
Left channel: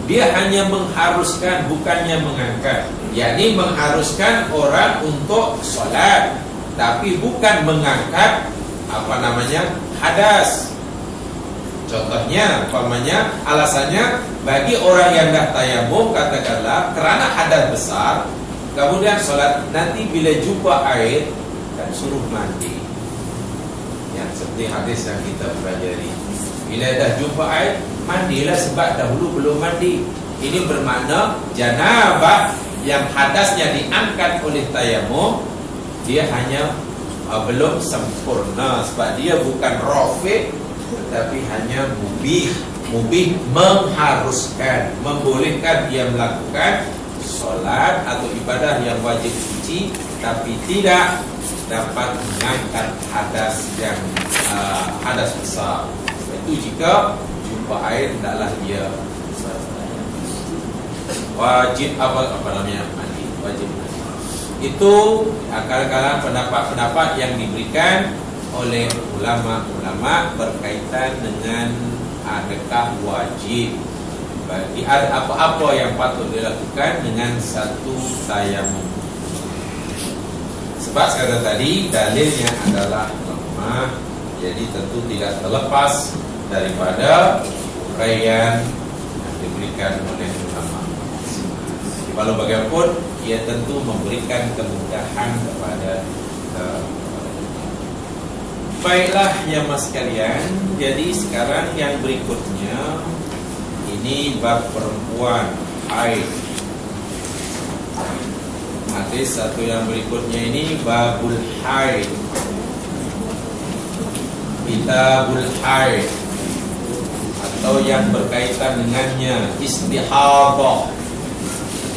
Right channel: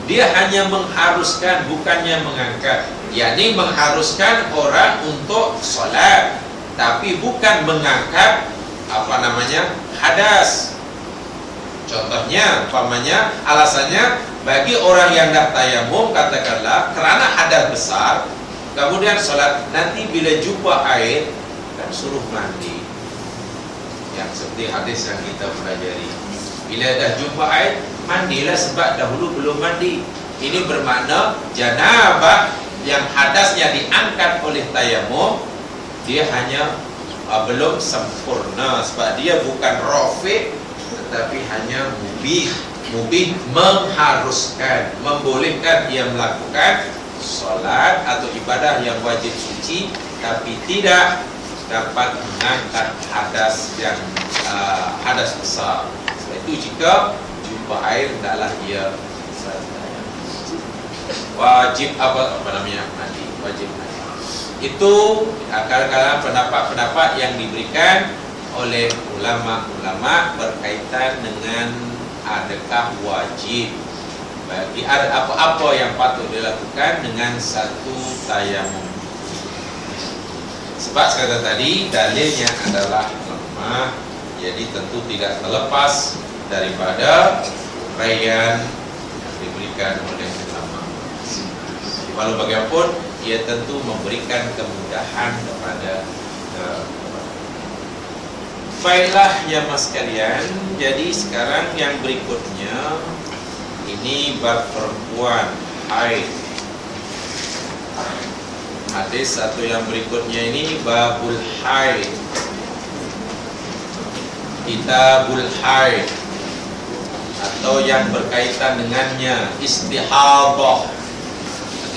Dia hanya mengharuskan, bukannya mengangkat. Yakni mengharuskan orang untuk sholat, tapi bukan mengangkat apa namanya hadas. Contohnya, umpamanya alasannya bagi orang yang dah tayamum, katakanlah kerana hadas besar, kemudian sholat, nanti bila jumpa air kan suruh mandi. Yang seperti hadis yang kita pelajari. Bila dah jumpa air, mandilah sebab dahulu belum mandi. Ini bermakna janabah yang hadasnya diangkat oleh tayamum, dia hanya belum sempurna, sebab dia bukan rafi, tetapi hanya mubih. Mubih mengharuskan, membolehkan ia melakukan solat atau ibadah yang wajib suci, tapi tidak dapat mengangkat hadas yang hadas besar. Sebab itu jika jumpa air, hendaklah ia wajib apa namanya mandi, wajib mandi. Itu kadang-kadang pendapat-pendapat yang diberikan oleh ulama-ulama berkaitan dengan adakah wajib bagi ada apa-apa yang patut dilakukan dengan satu tayamum. Sebab sekali tadi dalilnya adalah lemah, jadi tentu tidak terlepas daripada uraian yang diberikan oleh ulama. Walau bagaimanapun, ia tentu memberikan kemudahan kepada baiklah ya mas sekalian. Jadi sekarang yang berikutnya ini bab perempuan haid. Hadis satu yang berikutnya ini babul haid, kitabul haid, atau yang berkaitan dengannya istihadah.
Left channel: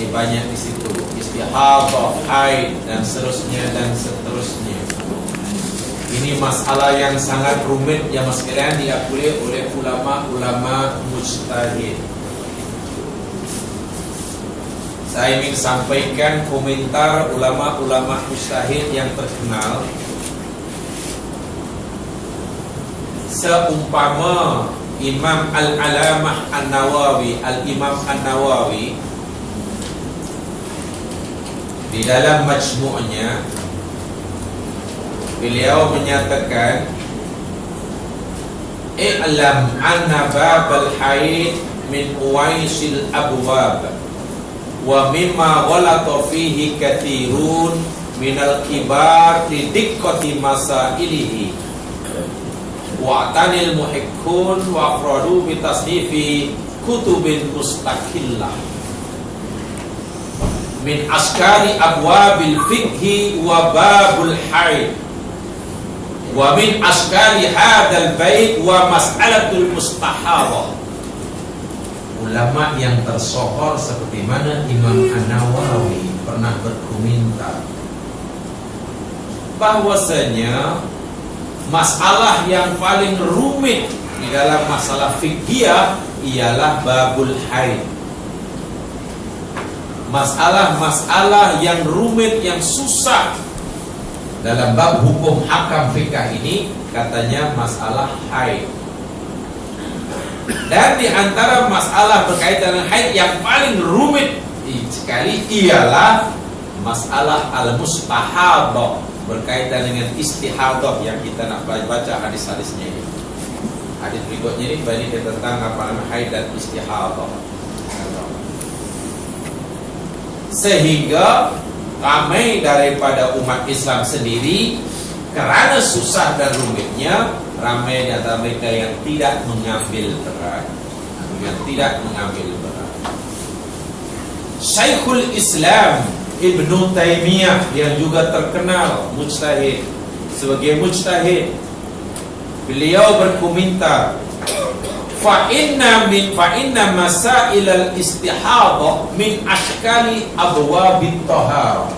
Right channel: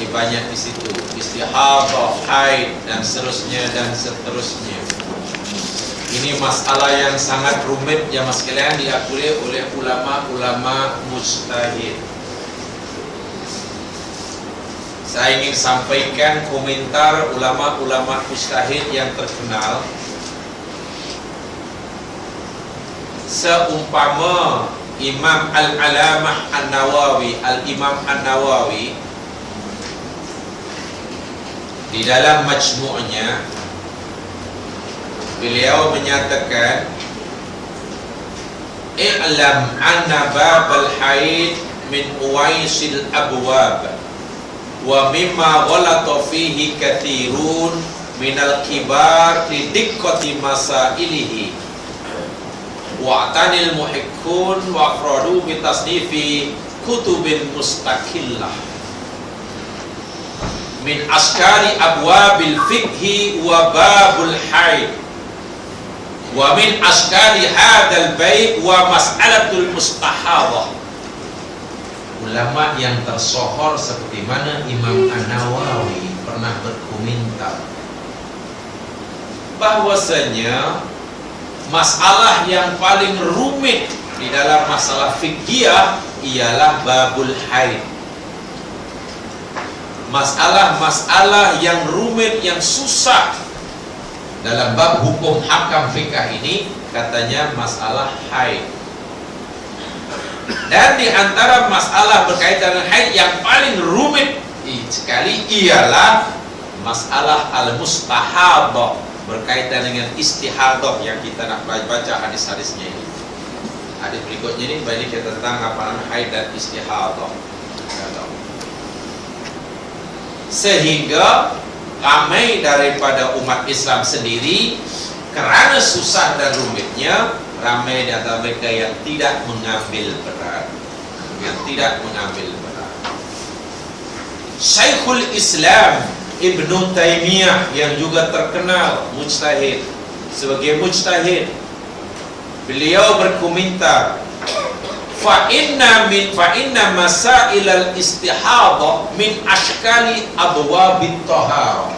Jadi banyak di situ istihadah, haid dan seterusnya dan seterusnya. Ini masalah yang sangat rumit ya mas sekalian, diakui oleh ulama-ulama mujtahid. Saya ingin sampaikan komentar ulama-ulama mujtahid yang terkenal. Seumpama Imam Al-Alamah An-Nawawi, Al-Imam An-Nawawi di dalam majmu'nya, beliau menyatakan i'lam anna babal haid min uwaisil abwab wa mimma ghalata fihi kathirun minal kibar li diqqati masailihi wa tanil muhikkun wa afradu bi tasnifi kutubin mustaqillah min askari abwabil fiqhi wa babul haid wa min askari hadal bait wa mas'alatul mustahadah. Ulama yang tersohor seperti mana Imam An-Nawawi pernah berkomentar bahwasanya masalah yang paling rumit di dalam masalah fiqhiyah ialah babul haid. Masalah-masalah yang rumit, yang susah dalam bab hukum hakam fikah ini, katanya masalah haid. Dan di antara masalah berkaitan dengan haid yang paling rumit sekali ialah masalah al-mustahadah, berkaitan dengan istihadah yang kita nak baca hadis-hadisnya ini. Hadis berikutnya ini banyak tentang apa namanya haid dan istihadah. Sehingga ramai daripada umat Islam sendiri, kerana susah dan rumitnya, ramai di antara mereka yang tidak mengambil berat. Syekhul Islam Ibnu Taimiyah yang juga terkenal mujtahid, sebagai mujtahid, beliau berkomentar, fa inna masailal istihadah min ashkali abwabit taharah.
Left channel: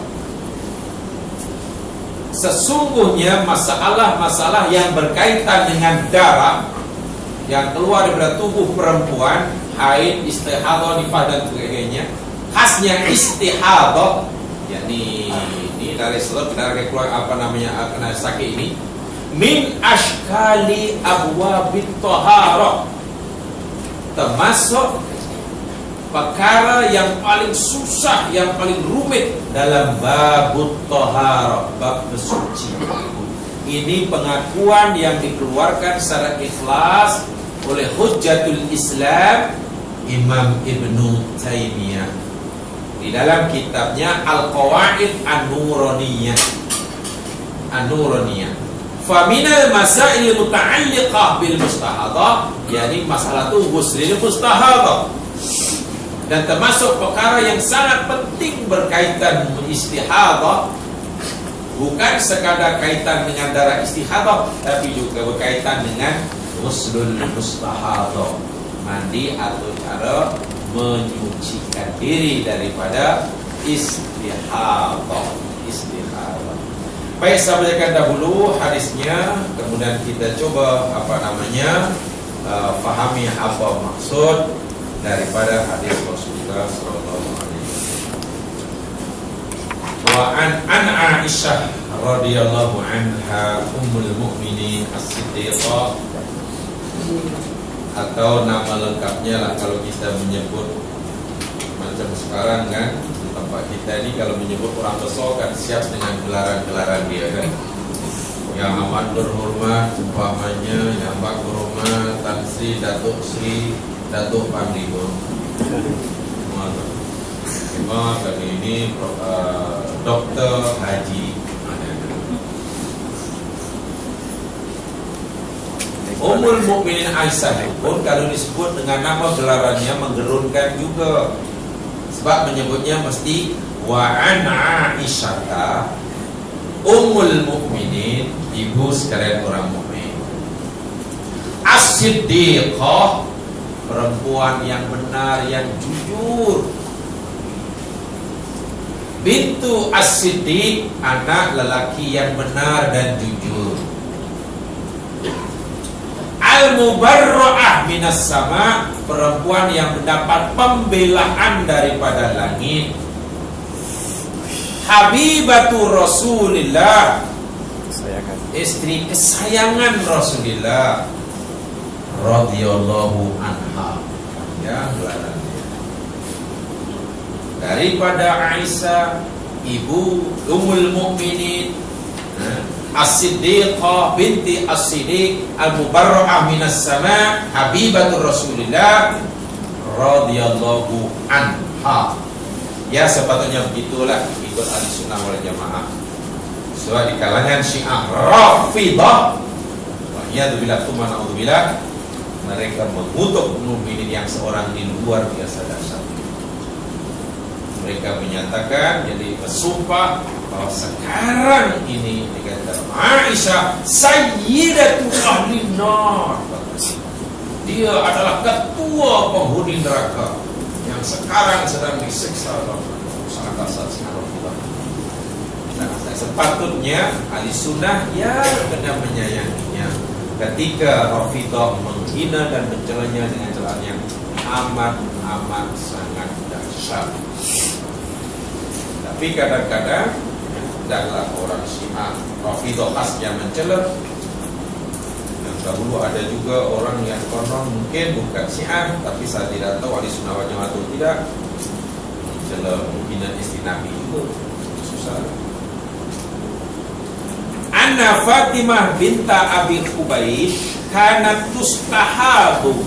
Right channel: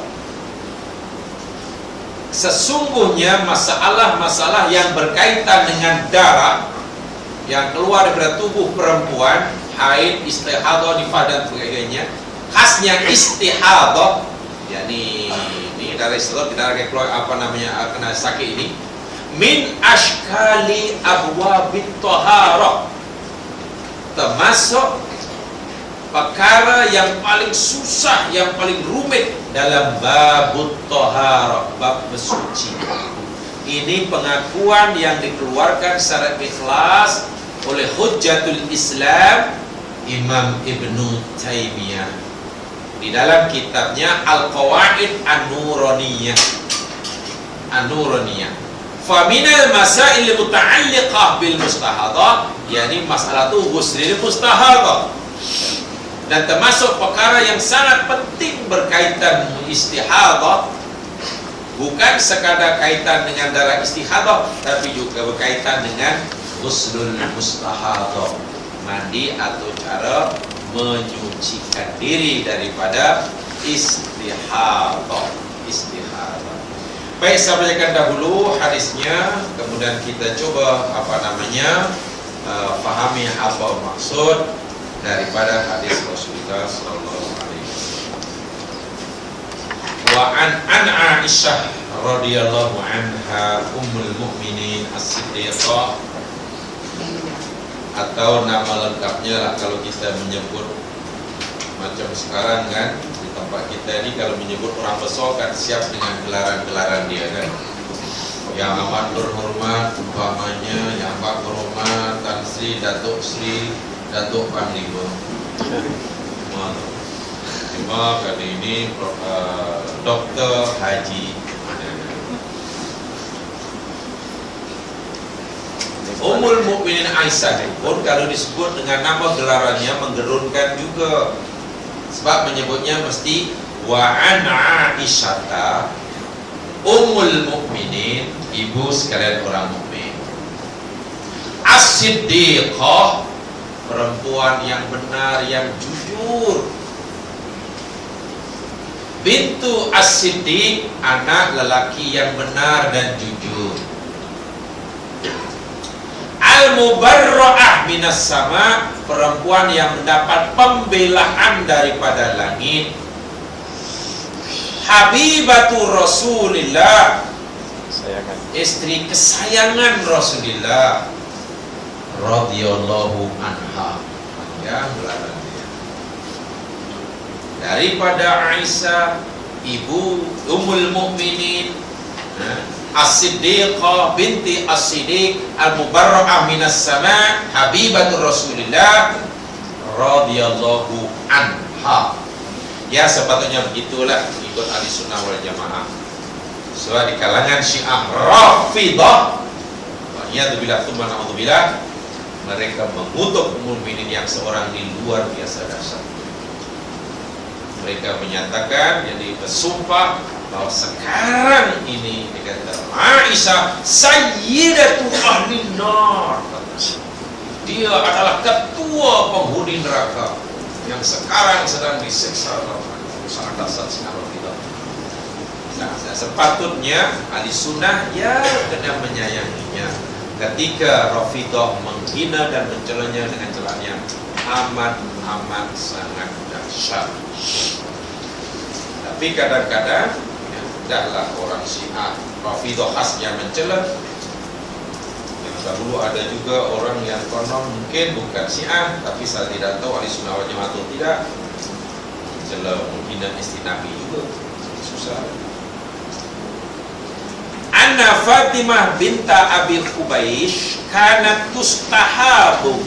Sesungguhnya masalah-masalah yang berkaitan dengan darah yang keluar dari tubuh perempuan, haid, istihadah, nifas dan sebagainya, khasnya istihadah, yakni ini dari setelah kita lagi keluar apa namanya kena sakit ini, min ashkali abwabit taharah, termasuk perkara yang paling susah, yang paling rumit dalam babut taharah, bab bersuci. Ini pengakuan yang dikeluarkan secara ikhlas oleh Hujjatul Islam Imam Ibnu Taimiyah di dalam kitabnya Al-Qawaid An-Nuraniyah. Fa minal masail muta'alliqah bil mustahadah, yakni masalah tu ghuslil mustahadah. Dan termasuk perkara yang sangat penting berkaitan istihadah, bukan sekadar kaitan dengan darah istihadah, tapi juga berkaitan dengan ghuslul mustahadah, mandi atau cara menyucikan diri daripada istihadah. Baik, saya bacakan dahulu hadisnya, kemudian kita coba fahami apa maksud daripada hadis Rasulullah sallallahu alaihi wasallam. Wa an Aisyah radhiyallahu anha ummul mukminin as-siddiqah, atau nama lengkapnya lah kalau kita menyebut macam sekarang kan, di tempat kita ini kalau menyebut orang besar kan siap dengan gelaran-gelaran dia kan. Yang amat berhormat umpamanya Yang Amat Berhormat Tan Sri, Datuk Sri, Datuk Panglima. Terima kali ini Dr. Haji. Ummul Mukminin Aisyah pun kalau disebut dengan nama gelarannya menggerunkan juga, sebab menyebutnya mesti wa an Aisyah Ummul Mukminin, ibu sekalian orang mukmin, as-siddiqah, perempuan yang benar, yang jujur, bintu as-siddiq, anak lelaki yang benar dan jujur, al-mubarra'ah minas sama, perempuan yang mendapat pembelaan daripada langit, habibatu Rasulillah, istri kesayangan Rasulullah radhiyallahu anha. Ya, daripada Aisyah, ibu Ummul Mukminin, As-Siddiqah binti As-Siddiq, Al-Mubarra'ah minas sama, habibatu Rasulillah radhiyallahu anha. Ya, sepatutnya begitulah ikut ahli sunnah wal jamaah. Sebab di kalangan Syiah Rafidah, wa'iyadzubillah tsumma na'udzubillah, mereka mengutuk mukminin yang seorang ini luar biasa dahsyat. Mereka menyatakan, jadi bersumpah bahwa sekarang ini dikatakan Aisyah sayyidatu ahli nar, dia adalah ketua penghuni neraka yang sekarang sedang disiksa oleh sangat dahsyat sangat kita. Sepatutnya ahli sunnah ya kena menyayanginya ketika Rafidah menghina dan mencelanya dengan celaan yang amat sangat dahsyat. Tapi kadang-kadang adalah orang Syiah Rafidah khas yang mencela. Yang dahulu ada juga orang yang konon mungkin bukan Syiah, tapi saya tidak tahu ahli sunnah wal jamaah atau tidak, mencela menghina istri Nabi juga. Susah. Anna Fatimah binta Abi Qubaish kanat tustahabu,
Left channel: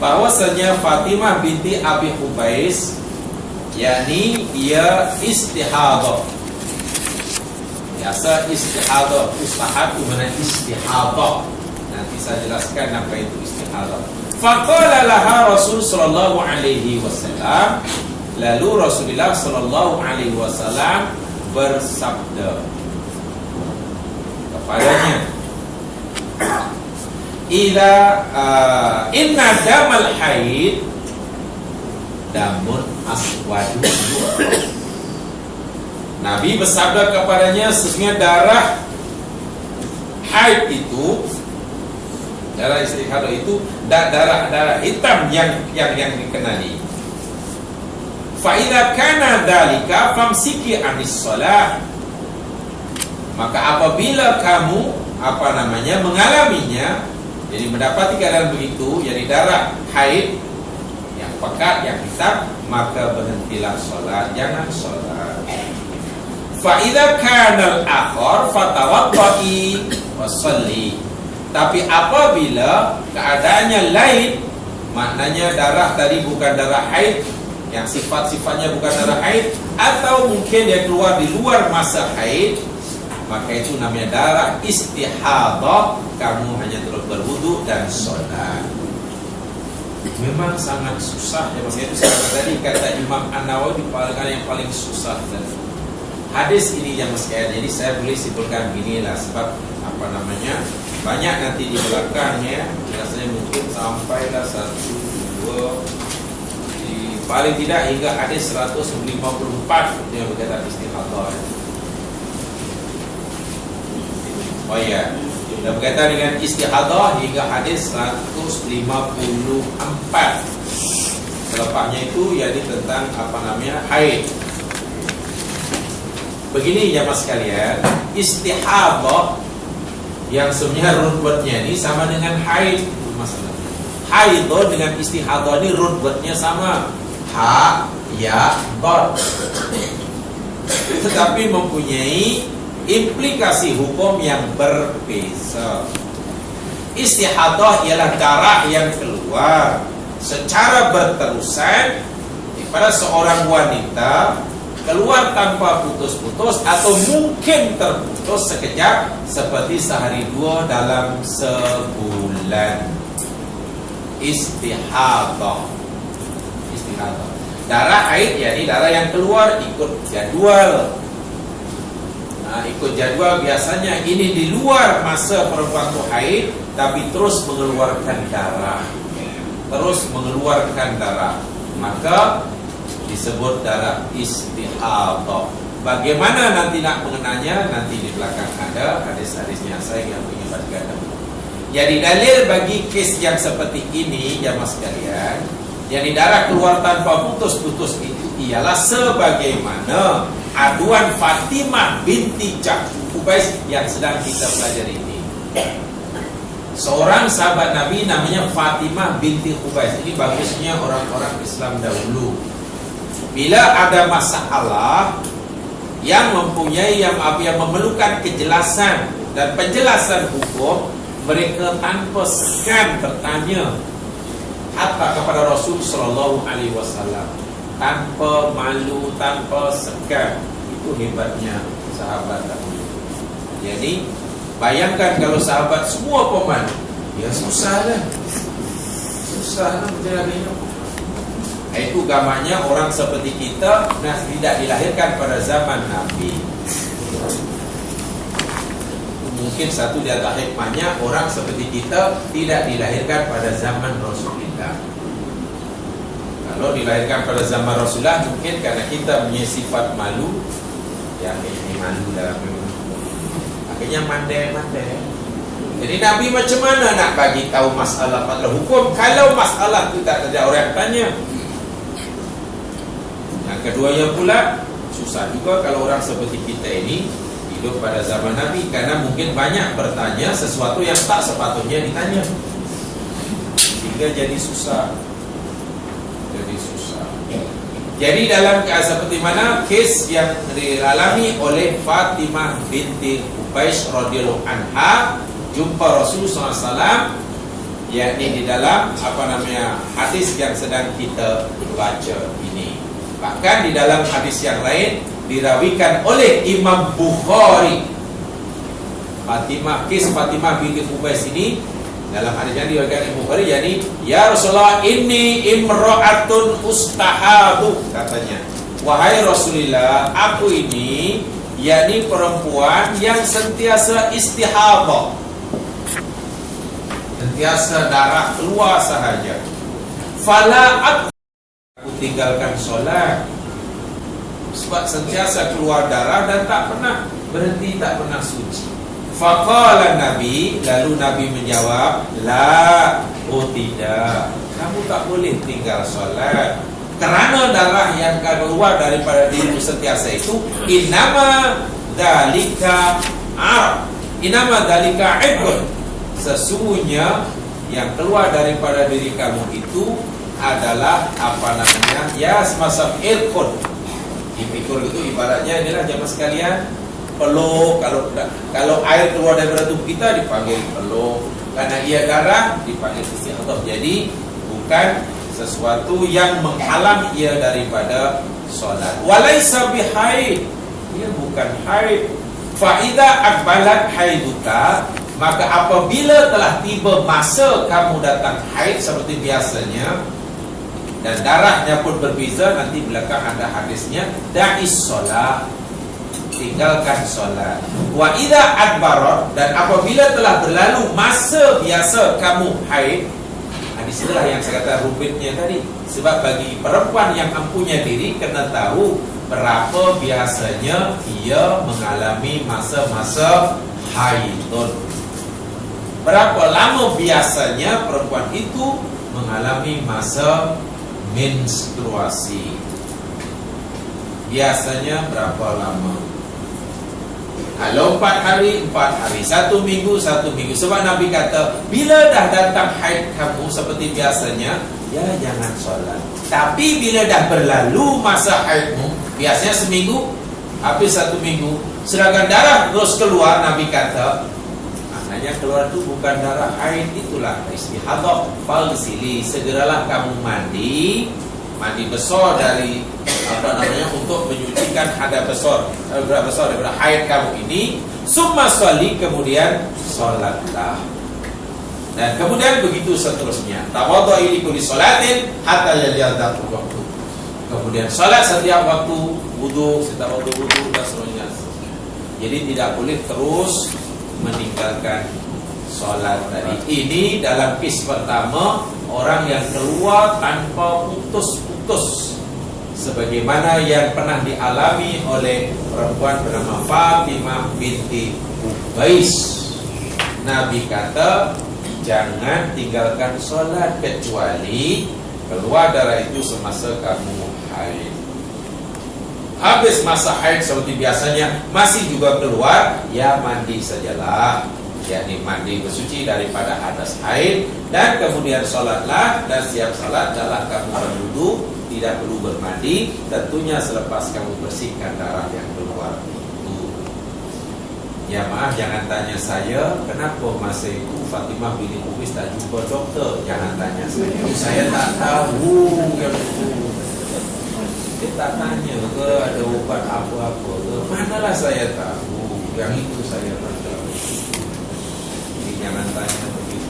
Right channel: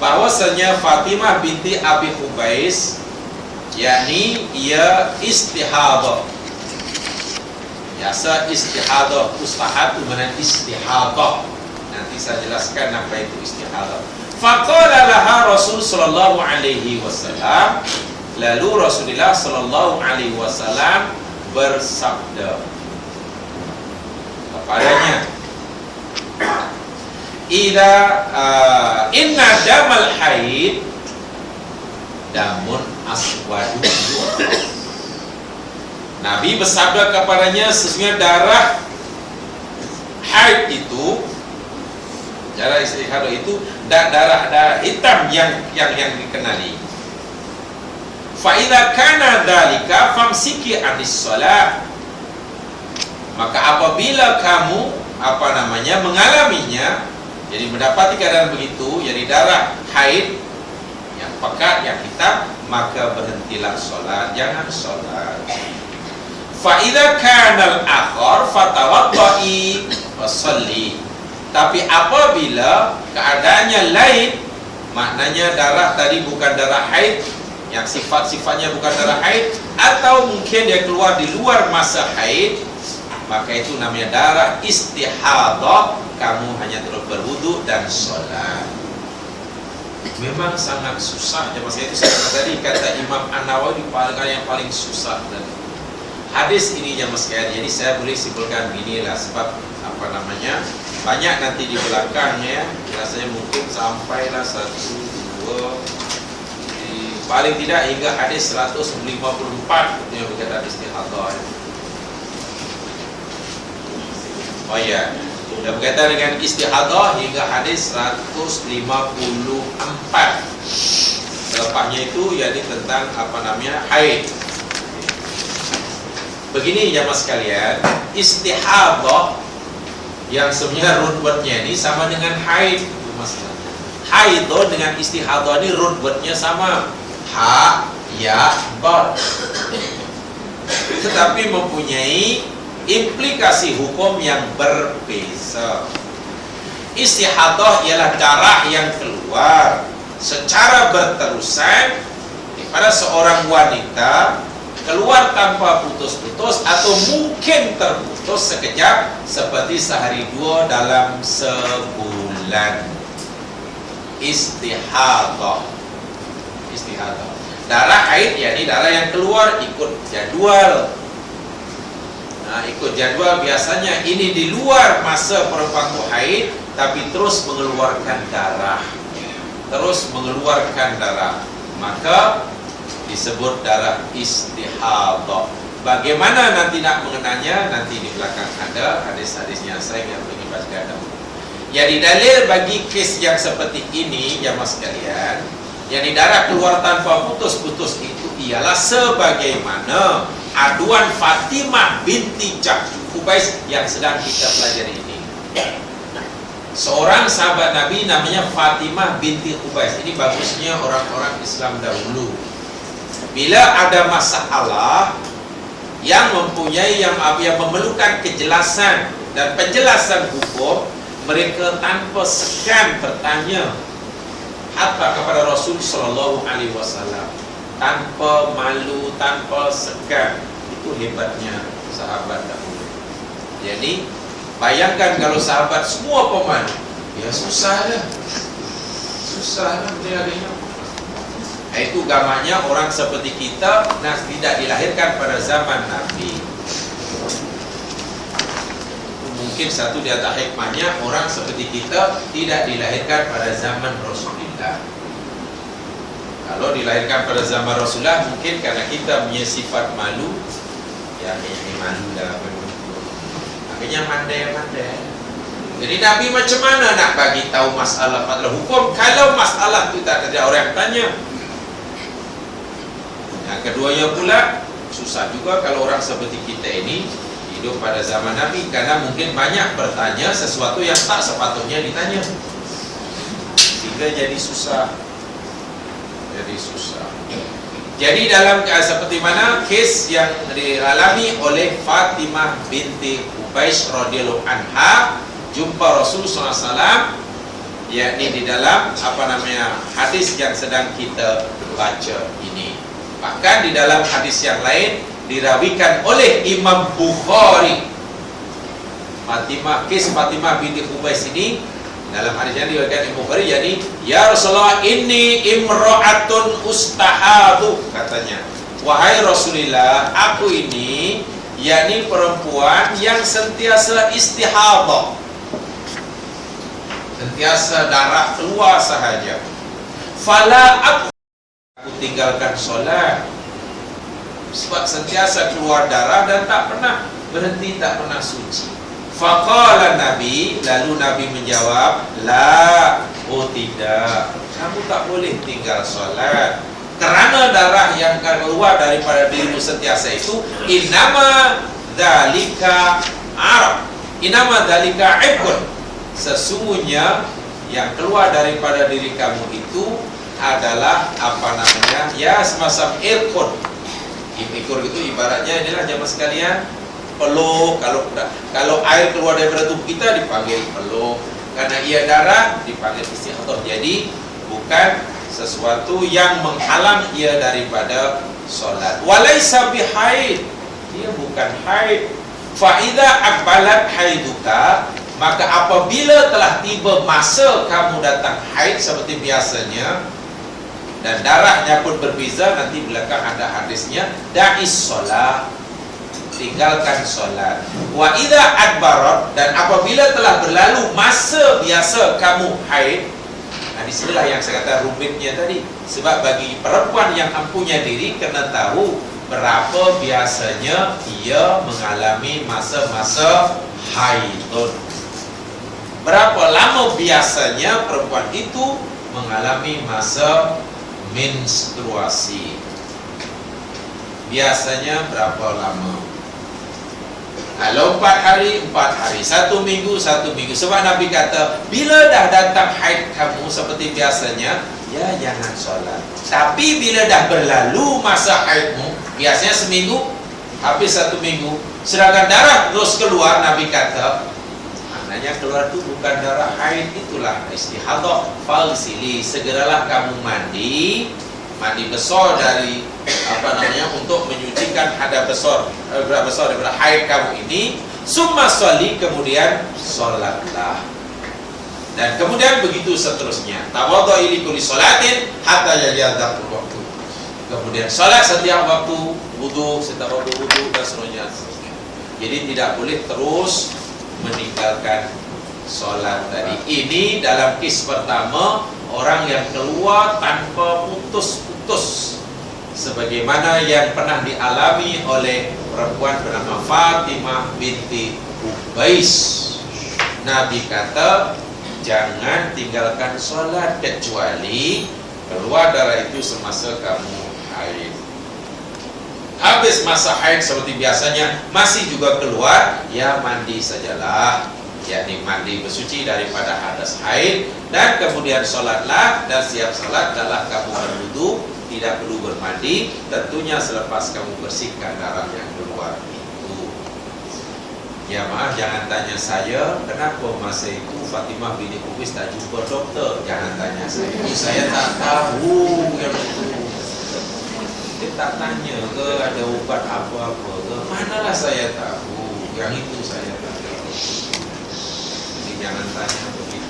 bahwasanya Fatimah binti Abi Qubaish, yakni ia istihadah. Biasa istihadah, ustahad itu mana istihadah. Nanti saya jelaskan apa itu istihadah. Faqala laha Rasul sallallahu alaihi wasallam, lalu Rasulullah sallallahu alaihi wasallam bersabda kepadanya, inna damal haid damun aswadu. Nabi bersabda kepadanya, sesungguhnya darah haid itu, darah istihadah itu darah hitam yang dikenali. Fa idza kana dzalika famsiki anis shalah, maka apabila kamu mengalaminya, jadi mendapati keadaan begitu, jadi darah haid yang pekat, yang hitam, maka berhentilah sholat, jangan sholat. Fa idza kana al-akhar fatawadda'i wa shalli. Tapi apabila keadaannya lain, maknanya darah tadi bukan darah haid, yang sifat-sifatnya bukan darah haid, atau mungkin dia keluar di luar masa haid, maka itu namanya darah istihadah. Kamu hanya terus berwudu dan sholat. memang sangat susah ya Mas. Itu tadi kata Imam An-Nawawi yang paling susah tadi. Hadis ini ya Mas ya. Jadi saya boleh simpulkan beginilah, sebab apa namanya, banyak nanti di belakangnya, rasanya mungkin sampailah 1, 2, paling tidak hingga hadis 154 yang berkaitan istihadah. Oh ya, dan berkaitan dengan istihadah hingga hadis 154. Selepasnya itu yakni tentang apa namanya, haid. Begini ya Mas sekalian, istihadah yang sebenarnya root wordnya ini sama dengan haid, Mas. Haid dengan istihadah ini root wordnya sama, ha, ya, dot, tetapi mempunyai implikasi hukum yang berbeza. Istihadah ialah darah yang keluar secara berterusan pada seorang wanita, keluar tanpa putus-putus atau mungkin terputus sekejap, seperti sehari dua dalam sebulan. Istihadah. Darah haid yakni darah yang keluar ikut jadwal. Nah, ikut jadwal biasanya ini di luar masa perempuan itu haid, tapi terus mengeluarkan darah. Maka disebut darah istihadah. Bagaimana nanti nak mengenanya, nanti di belakang ada hadis-hadisnya, saya yang ingin bacakan dahulu. Jadi dalil bagi kes yang seperti ini ya Mas sekalian, yang di darah keluar tanpa putus-putus itu ialah sebagaimana aduan Fatimah binti Ubais yang sedang kita pelajari ini. Seorang sahabat Nabi namanya Fatimah binti Ubais. Ini bagusnya orang-orang Islam dahulu. Bila ada masalah yang mempunyai yang memerlukan kejelasan dan penjelasan hukum, mereka tanpa segan bertanya hatta kepada Rasul sallallahu alaihi wasallam, tanpa malu, tanpa segan. Itu hebatnya sahabat dahulu. Jadi bayangkan kalau sahabat semua pemalu, ya susah menjadinya. Itu gamanya orang seperti kita tidak dilahirkan pada zaman Nabi. Mungkin satu di antara hikmahnya, orang seperti kita tidak dilahirkan pada zaman Rasulullah. Kalau dilahirkan pada zaman Rasulullah, mungkin karena kita punya sifat malu, ya malu lah, akhirnya mandai. Jadi Nabi macam mana nak bagi tahu masalah hukum kalau masalah itu tak ada orang yang tanya? Yang keduanya pula, susah juga kalau orang seperti kita ini hidup pada zaman Nabi, karena mungkin banyak bertanya sesuatu yang tak sepatutnya ditanya, sehingga jadi susah. Jadi dalam seperti mana kes yang dialami oleh Fatimah binti Ubais radhiyallahu anha, jumpa Rasulullah SAW, yakni di dalam hadis yang sedang kita baca ini. Bahkan di dalam hadis yang lain dirawikan oleh Imam Bukhari, Kes Fatimah binti Ubais ini dalam hadis yang diriwayatkan Imam Bukhari, yakni ya Rasulullah inni imra'atun ustahadu, katanya, wahai Rasulullah, aku ini yakni perempuan yang sentiasa istihadah, sentiasa darah keluar sahaja. Fala aku tinggalkan solat, sebab sentiasa keluar darah dan tak pernah berhenti, tak pernah suci. Faqala Nabi, lalu Nabi menjawab, la, oh tidak, kamu tak boleh tinggal solat, kerana darah yang keluar daripada dirimu sentiasa itu innama dzalika ibun, sesungguhnya yang keluar daripada diri kamu itu adalah ya semacam irkun. Ikur itu ibaratnya inilah jamaah sekalian, peluk. Kalau air keluar daripada tubuh kita dipanggil peluk, karena ia darah dipanggil istihadah. Jadi bukan sesuatu yang menghalang ia daripada solat. Walaisa bihaid, dia bukan haid. Fa idza aqbalat haiduka, Maka apabila telah tiba masa kamu datang haid seperti biasanya dan darahnya pun berbeza, nanti belakang ada hadisnya, da'is solat, tinggalkan solat. Wa idza adbarat, dan apabila telah berlalu masa biasa kamu haid. Nah, disinilah yang saya kata rumitnya tadi. Sebab bagi perempuan yang mempunyai diri kena tahu berapa biasanya dia mengalami masa-masa haidun. Berapa lama biasanya perempuan itu mengalami masa menstruasi. Biasanya berapa lama? Kalau 4 hari, 4 hari, 1 minggu, 1 minggu. Sebab Nabi kata, bila dah datang haid kamu seperti biasanya, ya jangan solat. Tapi bila dah berlalu masa haidmu, biasanya seminggu, habis 1 minggu, sedangkan darah terus keluar, Nabi kata, maknanya keluar itu bukan darah haid, itulah istihadah. Fagsili, segeralah kamu mandi besar dari untuk menyucikan hadas besar daripada haid kamu ini. Summa sholli, kemudian solatlah. Dan kemudian begitu seterusnya. Tawaddu'i li kulli sholatin hatta yaliyadhaqul waktu. Kemudian solat setiap waktu, wudu setiap waktu wudu dan seterusnya. Jadi tidak boleh terus meninggalkan solat tadi. Ini dalam kes pertama, orang yang keluar tanpa putus-putus, sebagaimana yang pernah dialami oleh perempuan bernama Fatimah binti Ubais. Nabi kata, jangan tinggalkan solat kecuali keluar darah itu semasa kamu haid. Habis masa haid seperti biasanya masih juga keluar, ya mandi sajalah, yakni mandi bersuci daripada hadas haid, dan kemudian solatlah, dan siap salat adalah kamu berwudu, tidak perlu bermandi, tentunya selepas kamu bersihkan darah yang keluar itu. Ya maaf, jangan tanya saya kenapa masa itu Fatimah binti Ubais tak jumpa doktor. Jangan tanya saya tak tahu yang itu. Dia tak tanya ke ada ubat apa-apa ke, manalah saya tahu, yang itu saya tak tahu. Jadi jangan tanya begitu.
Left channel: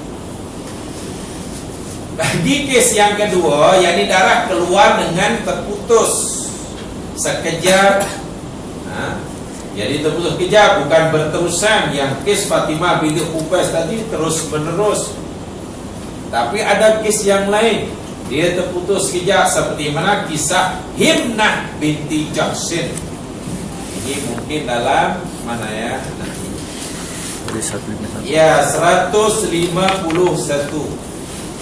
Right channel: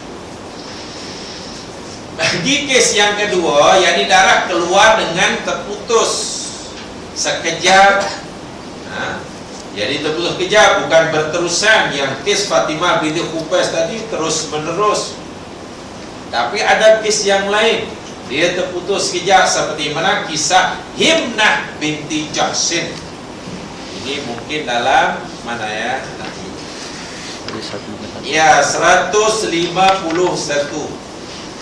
Bagi kes yang kedua, yakni darah keluar dengan terputus sekejap. Jadi terputus sekejap, bukan berterusan. Yang kes Fatimah binti Ubais tadi terus menerus. Tapi ada kes yang lain, dia terputus sekejap, seperti mana kisah Himnah binti Jahsin. Ini mungkin dalam mana ya? Ya, 151.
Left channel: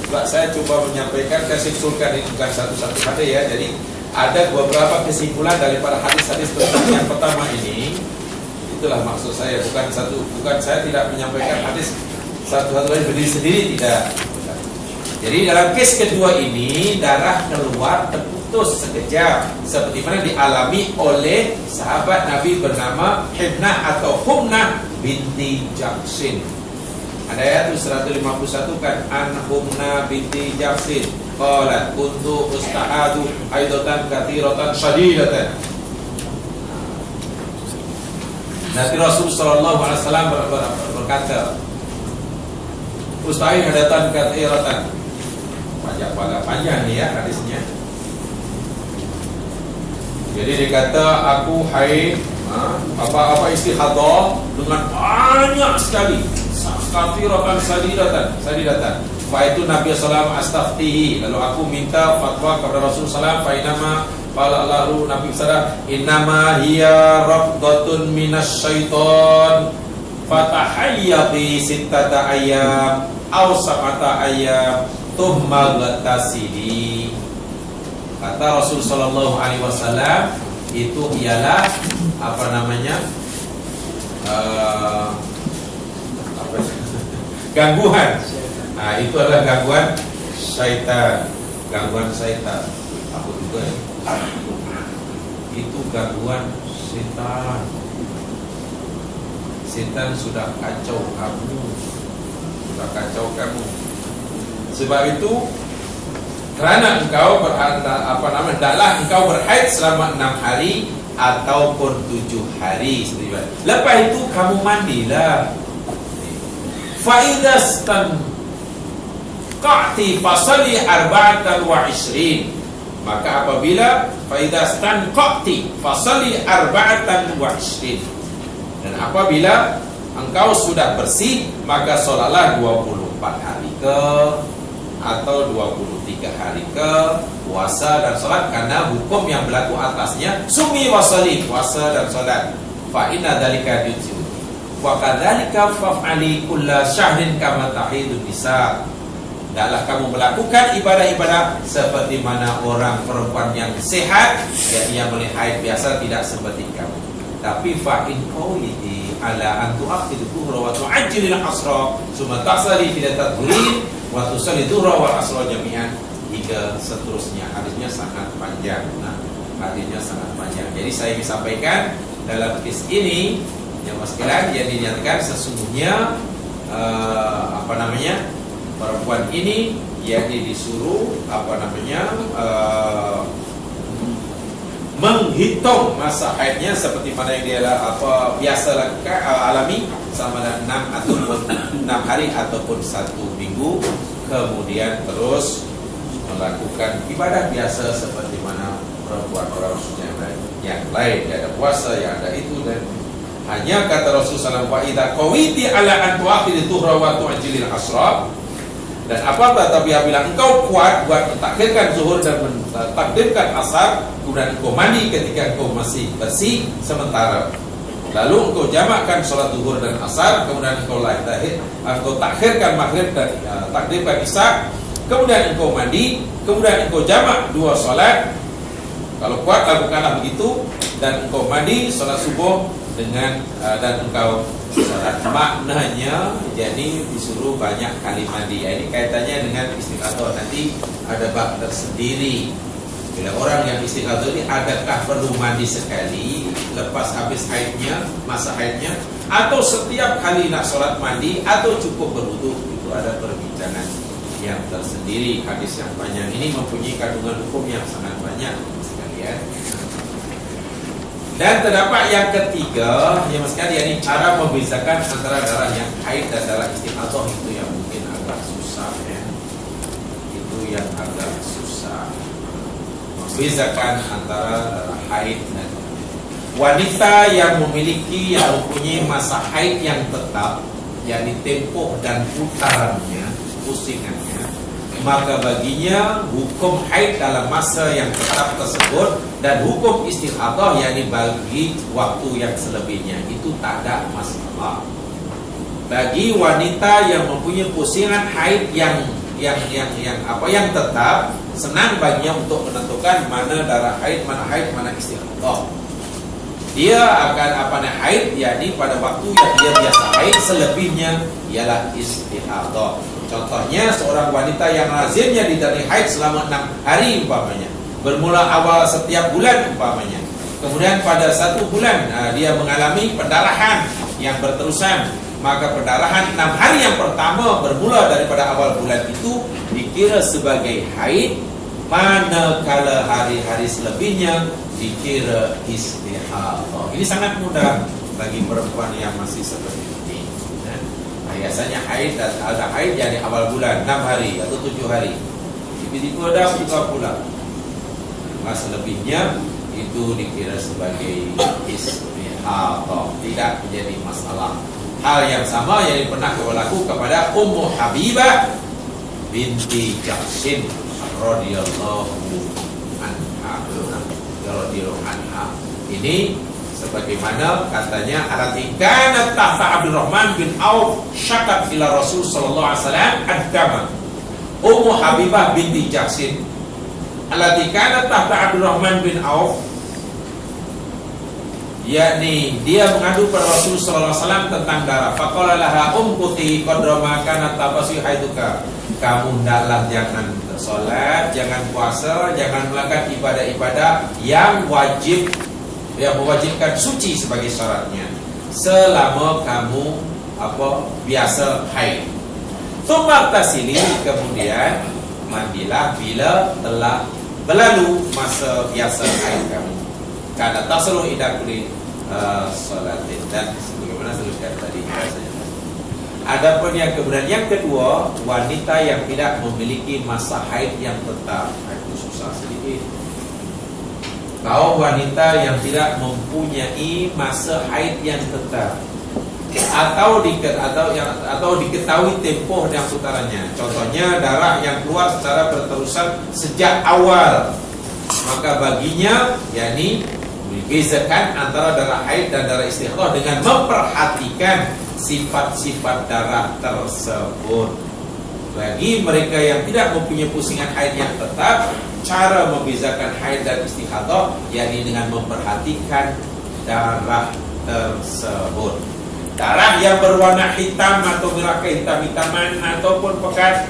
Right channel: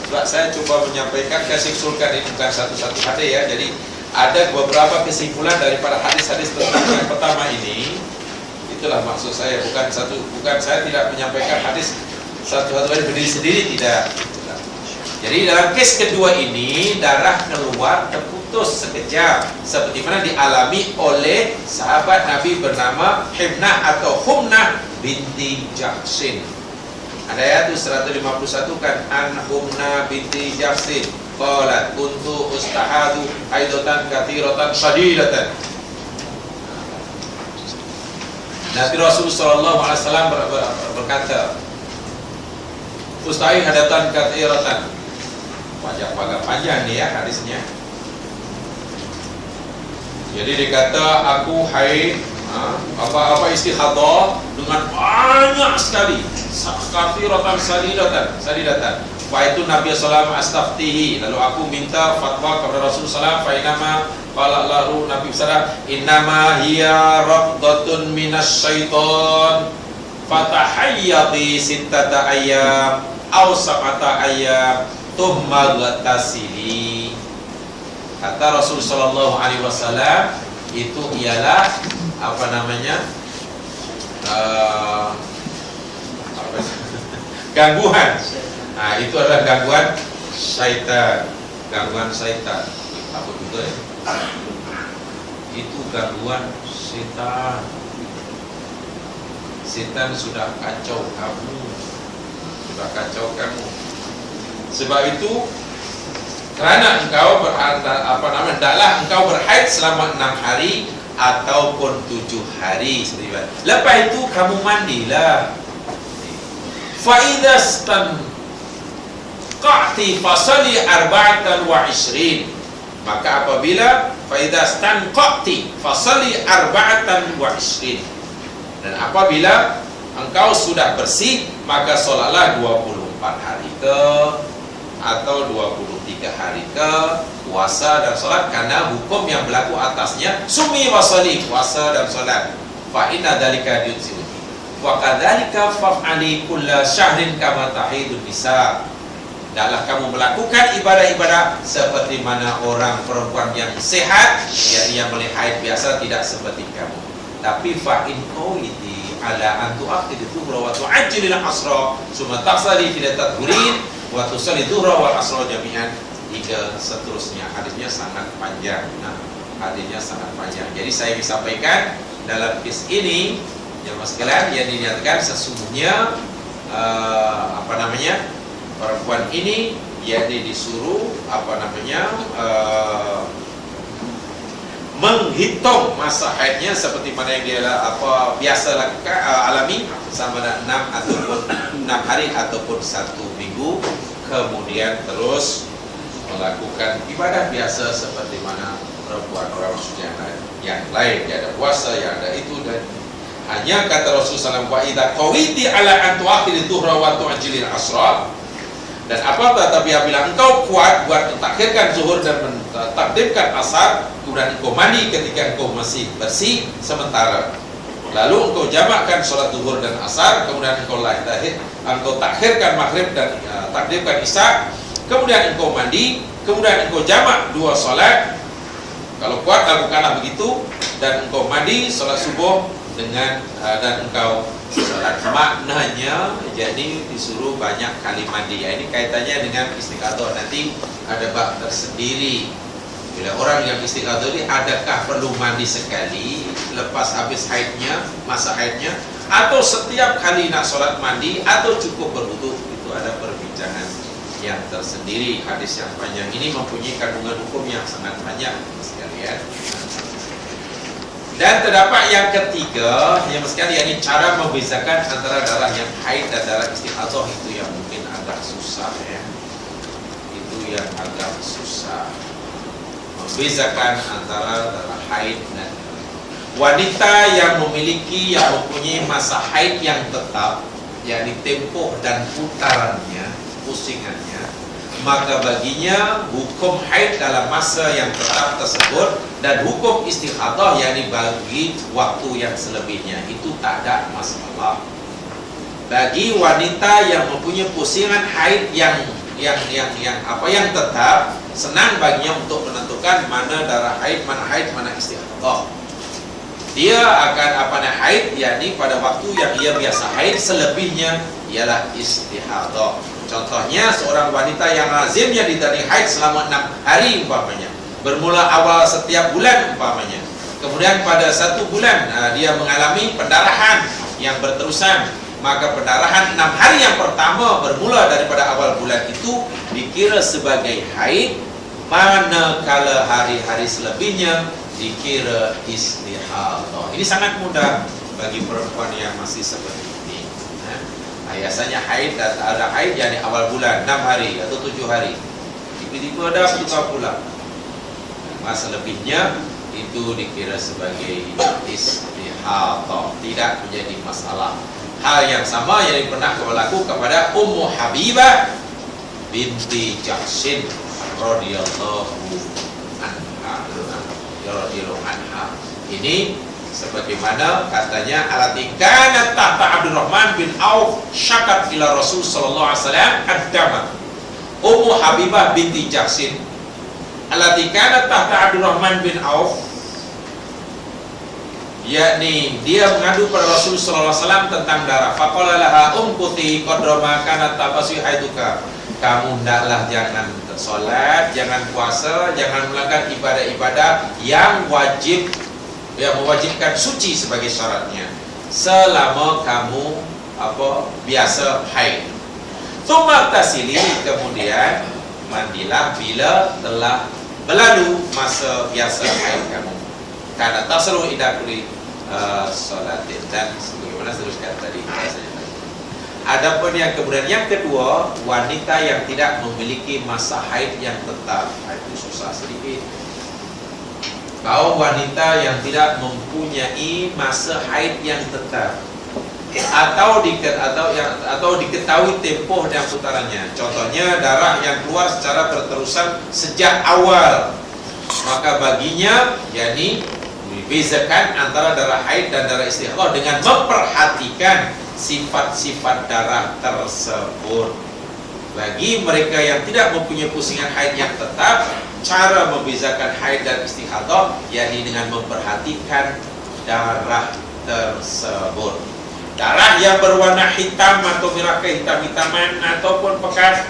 Sebab saya coba menyampaikan, kesimpulan ini bukan satu-satu hadis ya. Jadi ada beberapa kesimpulan daripada hadis-hadis tentang yang pertama ini. Itulah maksud saya, bukan saya tidak menyampaikan hadis satu-satu hadis berdiri sendiri, tidak. Jadi dalam kes kedua ini darah keluar terputus sekejap, seperti mana dialami oleh sahabat Nabi bernama Himnah atau Humnah binti Jahsin. Ada ayat 151 kan, an Humnah binti Jahsin qalat kuntu ustahadu haidatan kathiratan shadidatan. Nabi Rasul sallallahu alaihi wasallam berkata, ustahid hadatan kathiratan. Agak panjang ni ya hadisnya. Jadi dia kata, aku haid apa istihadah dengan banyak sekali, kathiratan sadidatan. Fa itu Nabi sallallahu alaihi wasallam astaftihi, lalu aku minta fatwa kepada Rasul sallallahu alaihi wasallam. Qala lalu Nabi sallallahu innama hiya raqdatun minasyaiton fatahayyati sittata ayyam aw sab'ata ayyam thumma ghatasili. Kata Rasul sallallahu alaihi wasallam, itu ialah apa namanya? Gangguan. Nah, itu adalah gangguan syaitan. Gangguan syaitan. Apa juga ya? Itu gangguan syaitan. Syaitan sudah kacau kamu. Sebab itu, kerana engkau hendaklah engkau berhaid selama 6 hari ataupun 7 hari. Lepas itu kamu mandilah. fa idza stanqati fasalli 24, maka apabila fa idza stanqati fasalli 24, dan apabila engkau sudah bersih maka solatlah 24 hari ke atau 23 hari ke puasa dan solat, karena hukum yang berlaku atasnya sumi wasali, puasa dan solat. Fa inna dzalika yujzi wa kadzalika fa'ali kulla syahrin kama tahidun nisa. Hendaklah kamu melakukan ibadah-ibadah seperti mana orang perempuan yang sehat, yang boleh haid biasa, tidak seperti kamu. Tapi fa in qawiti ala an tu'akhir dhuhra wa tu'ajjil al-asra summa tasali fi tadhurin wa tusalli dhuhra wal asra jami'an, hingga seterusnya. Hadisnya sangat panjang. Nah, hadisnya sangat panjang. Jadi saya ingin sampaikan dalam kes ini, jemaah sekalian, yang dinyatakan sesungguhnya perempuan ini yakni disuruh menghitung masa haidnya seperti mana yang dia biasa lakukan, alami, sama ada 6 hari ataupun 1 minggu, kemudian terus melakukan ibadah biasa seperti mana perempuan orang maksudnya yang lain. Dia ada puasa, yang ada itu, dan hanya kata Rasulullah SAW, wa idza qawiti ala an tu'akhir dhuhra wa tu'ajjilil asra, dan apabila engkau kuat buat mentakhirkan zuhur dan mentakdimkan asar, kemudian engkau mandi ketika engkau masih bersih sementara, lalu engkau jamakkan sholat zuhur dan asar, kemudian engkau takhirkan maghrib dan takdimkan isya, kemudian engkau mandi, kemudian engkau jamak 2 sholat, kalau kuat lakukanlah begitu, dan engkau mandi sholat subuh dengan dan engkau sholat. Maknanya jadi disuruh banyak kali mandi. Ini kaitannya dengan istighatsah, nanti ada bab tersendiri. Bila orang yang istighatsah ini, adakah perlu mandi sekali lepas habis haidnya, masa haidnya, atau setiap kali nak sholat mandi, atau cukup berwudu? Itu ada perbincangan yang tersendiri. Hadis yang panjang ini mempunyai kandungan hukum yang sangat banyak sekalian. Dan terdapat yang ketiga, yang sekali, yakni cara membezakan antara darah yang haid dan darah istighatsah. Itu yang mungkin agak susah ya. Itu yang agak susah, membezakan antara darah haid dan wanita yang mempunyai masa haid yang tetap, yakni tempoh dan putarannya, pusingannya, maka baginya hukum haid dalam masa yang tetap tersebut, dan hukum istighatsah yakni bagi waktu yang selebihnya, itu tak ada masalah. Bagi wanita yang mempunyai pusingan haid yang tetap, senang baginya untuk menentukan mana darah haid, mana istighatsah. Dia akan haid yakni pada waktu yang dia biasa haid, selebihnya ialah istighatsah. Contohnya seorang wanita yang lazimnya ditani haid selama 6 hari umpamanya, bermula awal setiap bulan umpamanya, kemudian pada 1 bulan dia mengalami pendarahan yang berterusan, maka pendarahan 6 hari yang pertama bermula daripada awal bulan itu dikira sebagai haid, manakala hari-hari selebihnya dikira istighatsah. Ini sangat mudah bagi perempuan yang masih seperti ini. Biasanya haid dan ada haid yang di awal bulan 6 hari atau 7 hari, tiba-tiba ada buka pula, masa lebihnya itu dikira sebagai istighatsah, tidak menjadi masalah. Hal yang sama yang pernah berlaku kepada Ummu Habibah binti Jahsyin radhiyallahu anha. Ini sebagaimana katanya, alati kanat tahta Abdurrahman bin Auf syakat ila Rasul sallallahu alaihi wasallam ad-dama. Ummu Habibah binti Jahsyin, alati kanat tahta Abdurrahman bin Auf, yakni dia mengadu pada Rasul sallallahu alaihi wasallam tentang darah. Faqala laha umkuti qadra ma kanat tabasi haiduka. Kamu hendaklah jangan salat, jangan puasa, jangan melakukan ibadah-ibadah yang wajib, yang mewajibkan suci sebagai syaratnya, selama kamu biasa haid. Tsumma tasili, kemudian mandilah bila telah berlalu masa biasa haid kamu. Karena tasru ida kulli salatin, dan sebagaimana teruskan tadi rasanya. Adapun yang kemudian yang kedua, wanita yang tidak memiliki masa haid yang tetap. Itu susah sedikit. Kaum wanita yang tidak mempunyai masa haid yang tetap atau diketahui tempoh dan putarannya. Contohnya darah yang keluar secara berterusan sejak awal, maka baginya yakni dibezakan antara darah haid dan darah istihadah dengan memperhatikan sifat-sifat darah tersebut. Bagi mereka yang tidak mempunyai pusingan haid yang tetap, cara membezakan haid dan istihadah yakni dengan memperhatikan darah tersebut. Darah yang berwarna hitam atau merah kehitam-hitaman ataupun pekat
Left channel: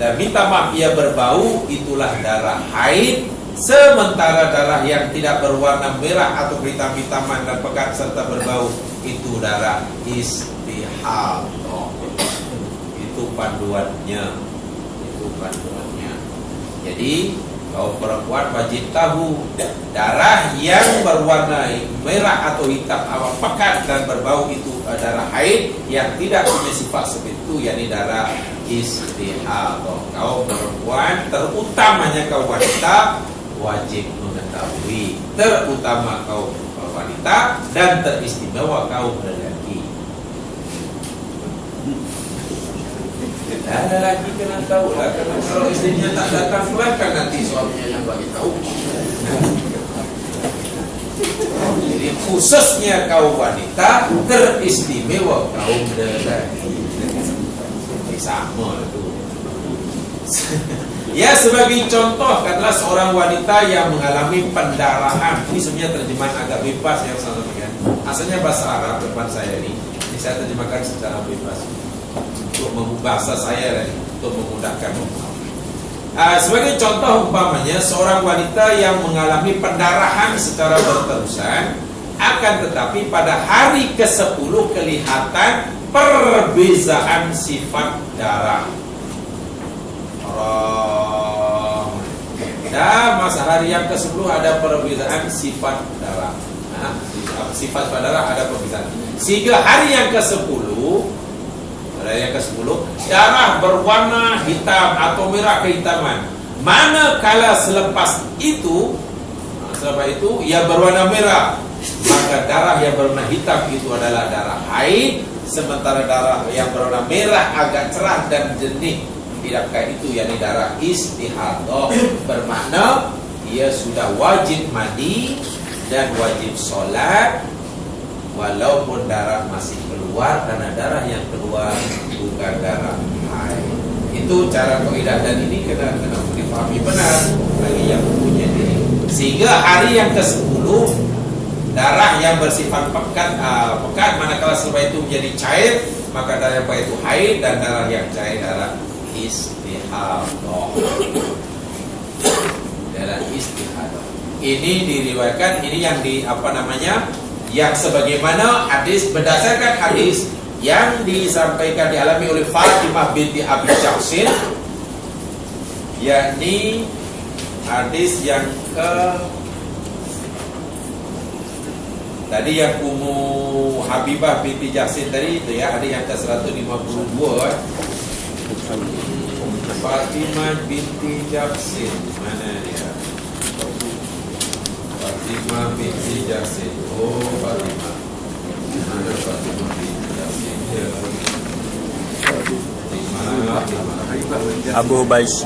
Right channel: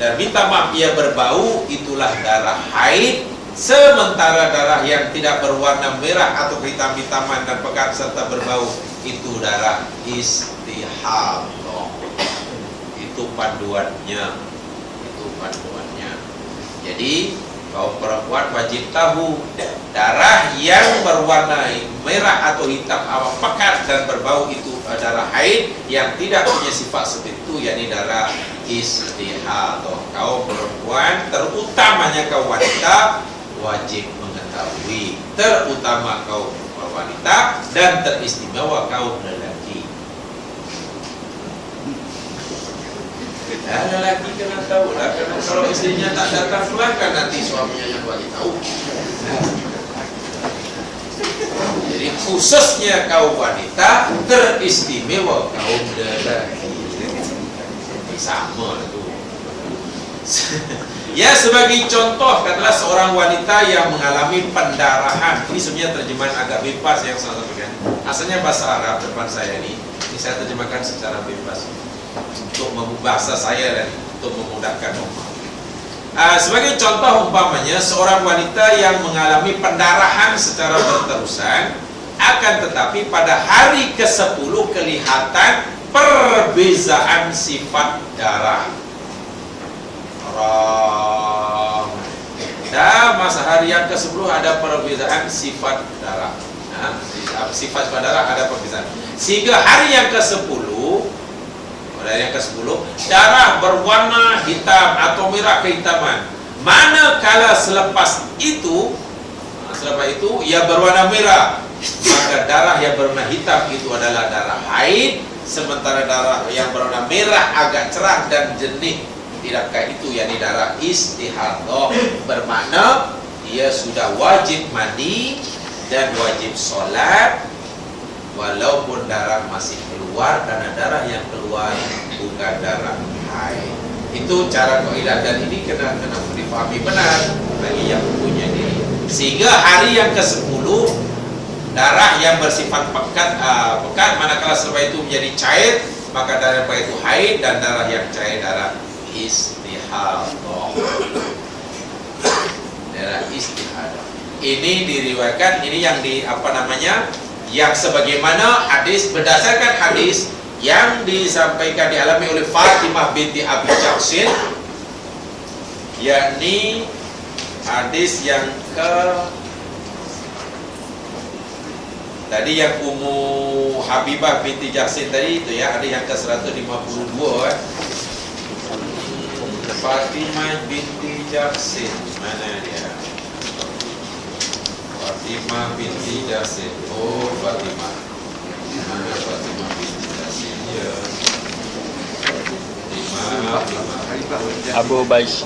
dan minta maaf ia berbau, itulah darah haid. Sementara darah yang tidak berwarna merah atau kehitam-hitaman dan pekat serta berbau, itu darah istihadah. Itu panduannya. Jadi kaum perempuan wajib tahu darah yang berwarna merah atau hitam awal pekat dan berbau itu darah haid, yang tidak punya sifat seperti itu yakni darah istihadah. Kaum perempuan, terutamanya kaum wanita, wajib mengetahui, terutama kaum wanita dan teristimewa kaum lelaki. Lelaki kena tahu lah, karena kalau istrinya tak datang kan nanti suaminya yang bagi tahu. Jadi khususnya kaum wanita, teristimewa kaum lelaki. Sama itu. Ya, sebagai contoh katakanlah seorang wanita yang mengalami pendarahan. Ini sebenarnya terjemahan agak bebas yang saya sampaikan. Asalnya bahasa Arab depan saya ini saya terjemahkan secara bebas untuk bahasa saya dan untuk memudahkan memahami. Sebagai contoh umpamanya seorang wanita yang mengalami pendarahan secara berterusan, akan tetapi pada hari ke-10 kelihatan perbezaan sifat darah. Dan masa hari yang ke-10 ada perbezaan sifat darah. Sifat darah ada perbezaan. Sehingga hari yang ke-10, darah berwarna hitam atau merah kehitaman. Manakala selepas itu ia berwarna merah, maka darah yang berwarna hitam itu adalah darah haid. Sementara darah yang berwarna merah agak cerah dan jernih, tidak kayak itu, yakni darah istihadah. Bermakna ia sudah wajib mandi dan wajib sholat walaupun darah masih keluar, karena darah yang keluar bukan darah haid. Itu cara kaidah, dan ini kena dipahami benar bagi yang punya diri. Sehingga hari yang ke-10 darah yang bersifat pekat, manakala setelah itu menjadi cair, maka darah yang pekat itu haid, dan darah yang cair darah istihadah. Darah istihadah. Ini diriwayatkan, ini yang yang sebagaimana hadis, berdasarkan hadis yang disampaikan dialami oleh Fatimah binti Abi Jahsin, yakni hadis yang tadi yang Ummu Habibah binti Jahsin tadi itu ya, ada yang ke-152 Fatimah binti Jahsin, mana dia? Fatimah binti Jahsin. Oh, Fatimah. Mana Fatimah binti Jahsin? Ya. Fatimah. Abu Bais.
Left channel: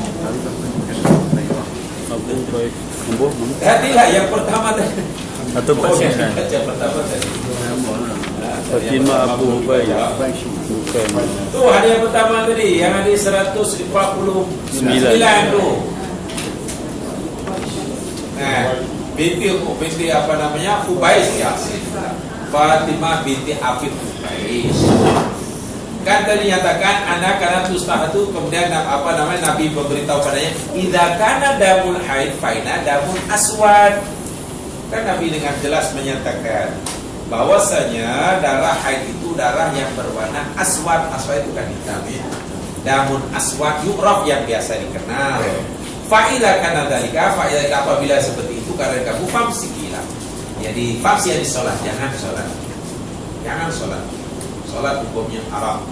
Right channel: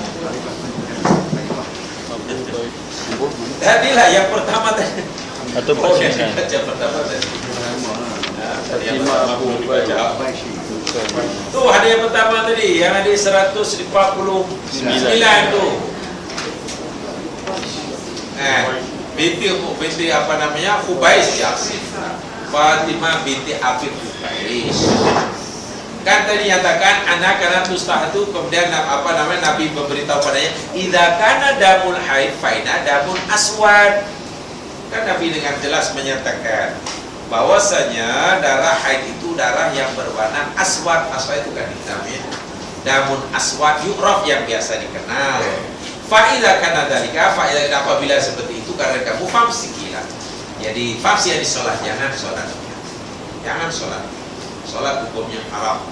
Tadilah yang pertama tadi. Atau pasien. Baca pertama tadi. Fatimah Abu Bais. Tu ada yang pertama tadi, yang ada 149 tu. Binti Hubais Yasin. Fatimah binti Abi Hubais. Kan tadi nyatakan anak karena tustahatu, kemudian Nabi memberitahu padanya idza kana damul haid faina damun aswad. Kan Nabi dengan jelas menyatakan bahwasanya darah haid itu darah yang berwarna aswad. Aswad itu kan hitam ya. Damun aswad yu'raf, yang biasa dikenal. Fa'idha kana dalika, fa'idha apabila seperti itu karena kamu famsikilah. Jadi famsi yang disolat, jangan solat. Jangan solat. Solat hukumnya haram.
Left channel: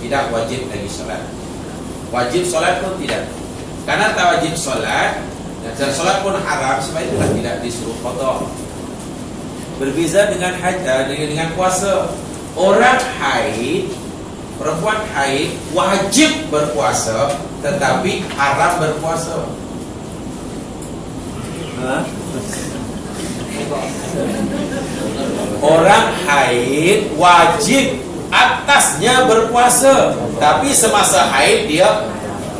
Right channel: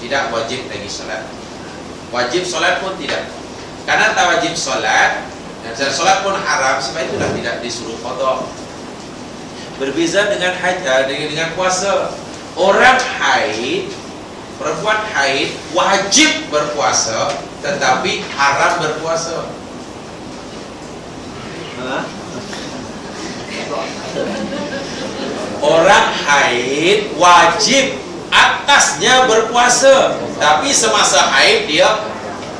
tidak wajib lagi solat. Wajib solat pun tidak. Karena tak wajib solat dan solat pun haram, sebab itulah tidak disuruh qada. Berbeza dengan dengan puasa. Orang haid, perempuan haid wajib berpuasa, tetapi haram berpuasa. Orang haid wajib atasnya berpuasa, tapi semasa haid dia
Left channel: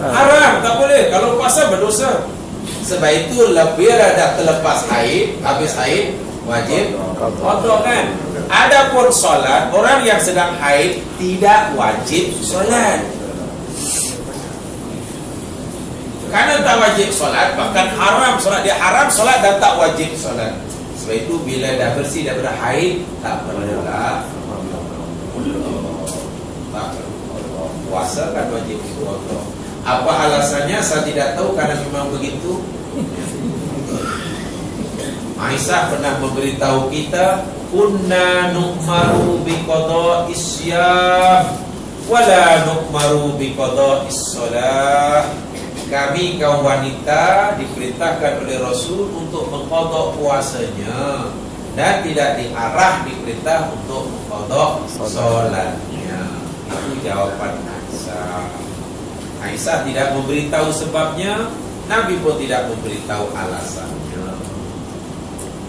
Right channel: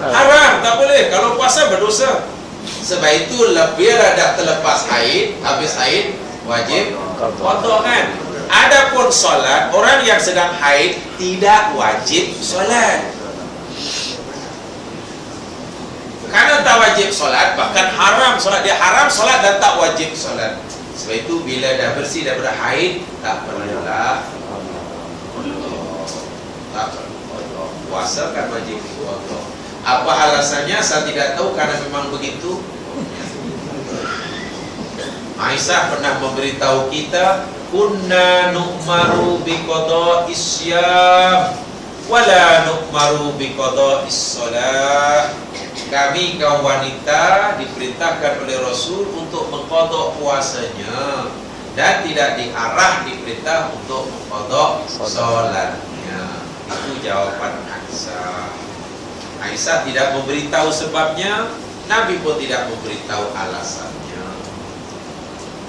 haram, tak boleh. Kalau puasa berdosa. Sebab itu bila dah terlepas haid, habis haid wajib qada kan. Adapun solat, orang yang sedang haid tidak wajib solat. Karena tak wajib solat, bahkan haram solat. Dia haram solat dan tak wajib solat. Sebab itu bila dah bersih daripada haid, tak perlulah tak perlu. Puasa kan wajib qada. Apa alasannya saya tidak tahu, karena memang begitu. Aisyah pernah memberitahu kita, kunna nu'maru biqada'is syam wala nu'maru biqada'is shalah. Kami kaum wanita diperintahkan oleh Rasul untuk mengqada puasanya dan tidak diarah diperintah untuk mengqada salatnya. Itu jawaban Aisyah. Aisyah tidak memberitahu sebabnya, Nabi pun tidak memberitahu alasannya.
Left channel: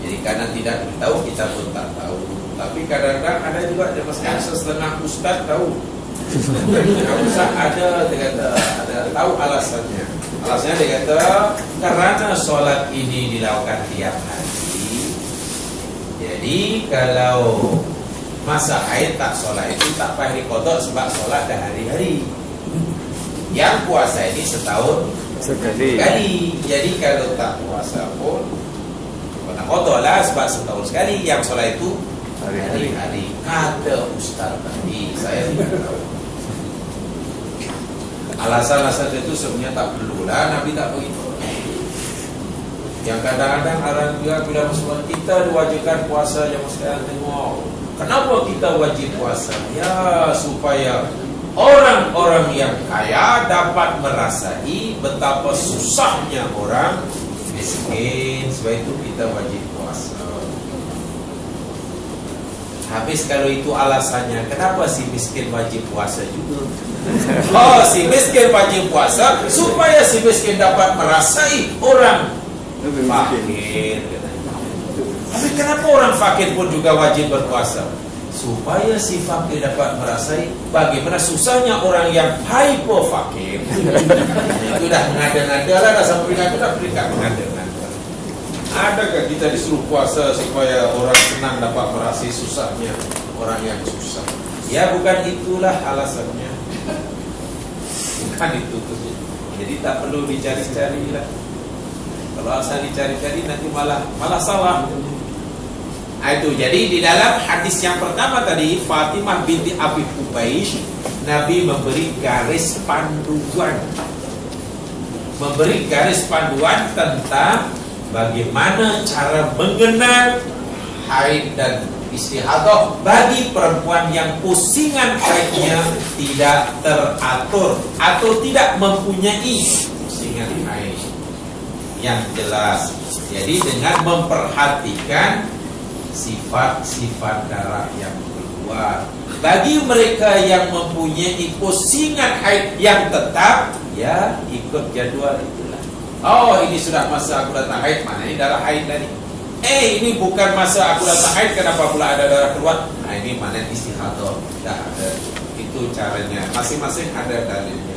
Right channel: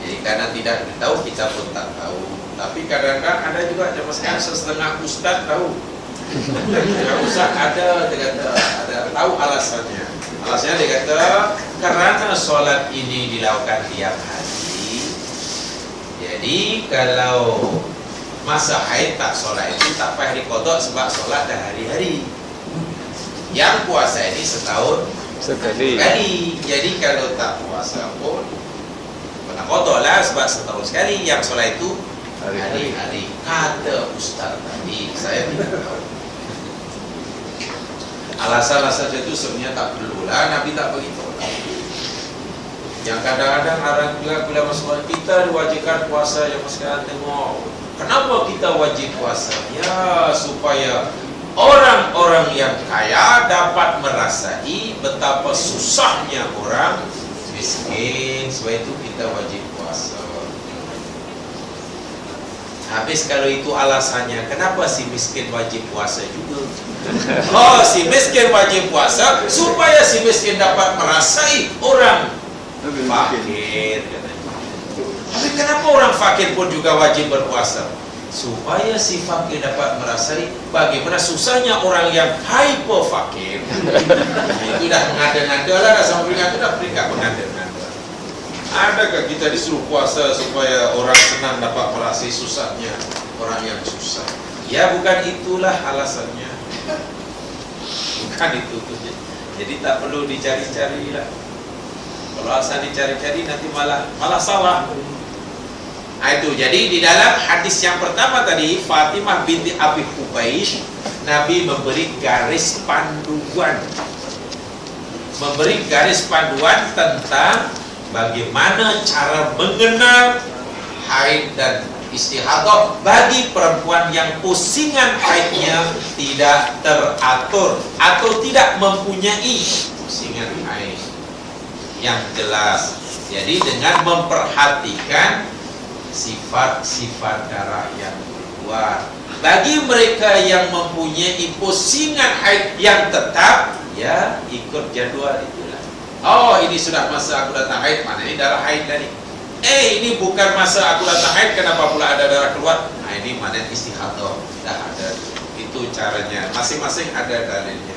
Jadi karena tidak tahu, kita pun tak tahu. Tapi kadang-kadang ada juga zaman sekarang setengah ustaz tahu. Setengah ustaz ada, dia kata ada tahu alasannya. Alasannya dia kata karena solat ini dilakukan tiap hari. Jadi kalau masa haid tak solat itu tak payah diqada sebab solat dah hari-hari. Yang puasa ini setahun sekali. Jadi kalau tak puasa pun kena qada lah sebab setahun sekali. Yang solat itu hari-hari. Kata ustaz tadi, saya tidak tahu. Alasan-alasan itu sebenarnya tak perlulah, Nabi tak beritahu. Yang kadang-kadang orang juga bila masuk kita diwajibkan puasa, yang sekarang tengok kenapa kita wajib puasa? Ya supaya orang-orang yang kaya dapat merasai betapa susahnya orang miskin. Sebab itu kita wajib puasa. Habis kalau itu alasannya, kenapa si miskin wajib puasa juga? Oh, si miskin wajib puasa supaya si miskin dapat merasai orang fakir katanya. Tapi kenapa orang fakir pun juga wajib berpuasa? Supaya si fakir dapat merasai bagaimana susahnya orang yang hyper fakir. Itu dah mengada-ngada lah, dah sampai dah peringkat mengada-ngada. Adakah kita disuruh puasa supaya orang senang dapat merasai susahnya orang yang susah? Ya bukan itulah alasannya. Bukan itu. Jadi tak perlu dicari-cari lah. Kalau asal dicari-cari nanti malah salah. Itu jadi di dalam hadis yang pertama tadi, Fatimah binti Abi Hubaysh, Nabi memberi garis panduan tentang bagaimana cara mengenal haid dan istihadah bagi perempuan yang pusingan haidnya tidak teratur atau tidak mempunyai pusingan haid yang jelas. Jadi dengan memperhatikan sifat-sifat darah yang keluar. Bagi mereka yang mempunyai pusingan haid yang tetap, ya ikut jadual itulah. Oh, ini sudah masa aku datang haid, mana ini darah haid tadi. Ini bukan masa aku datang haid, kenapa pula ada darah keluar? Nah, ini mana istihadah. Dah ada. Itu caranya. Masing-masing ada dalilnya.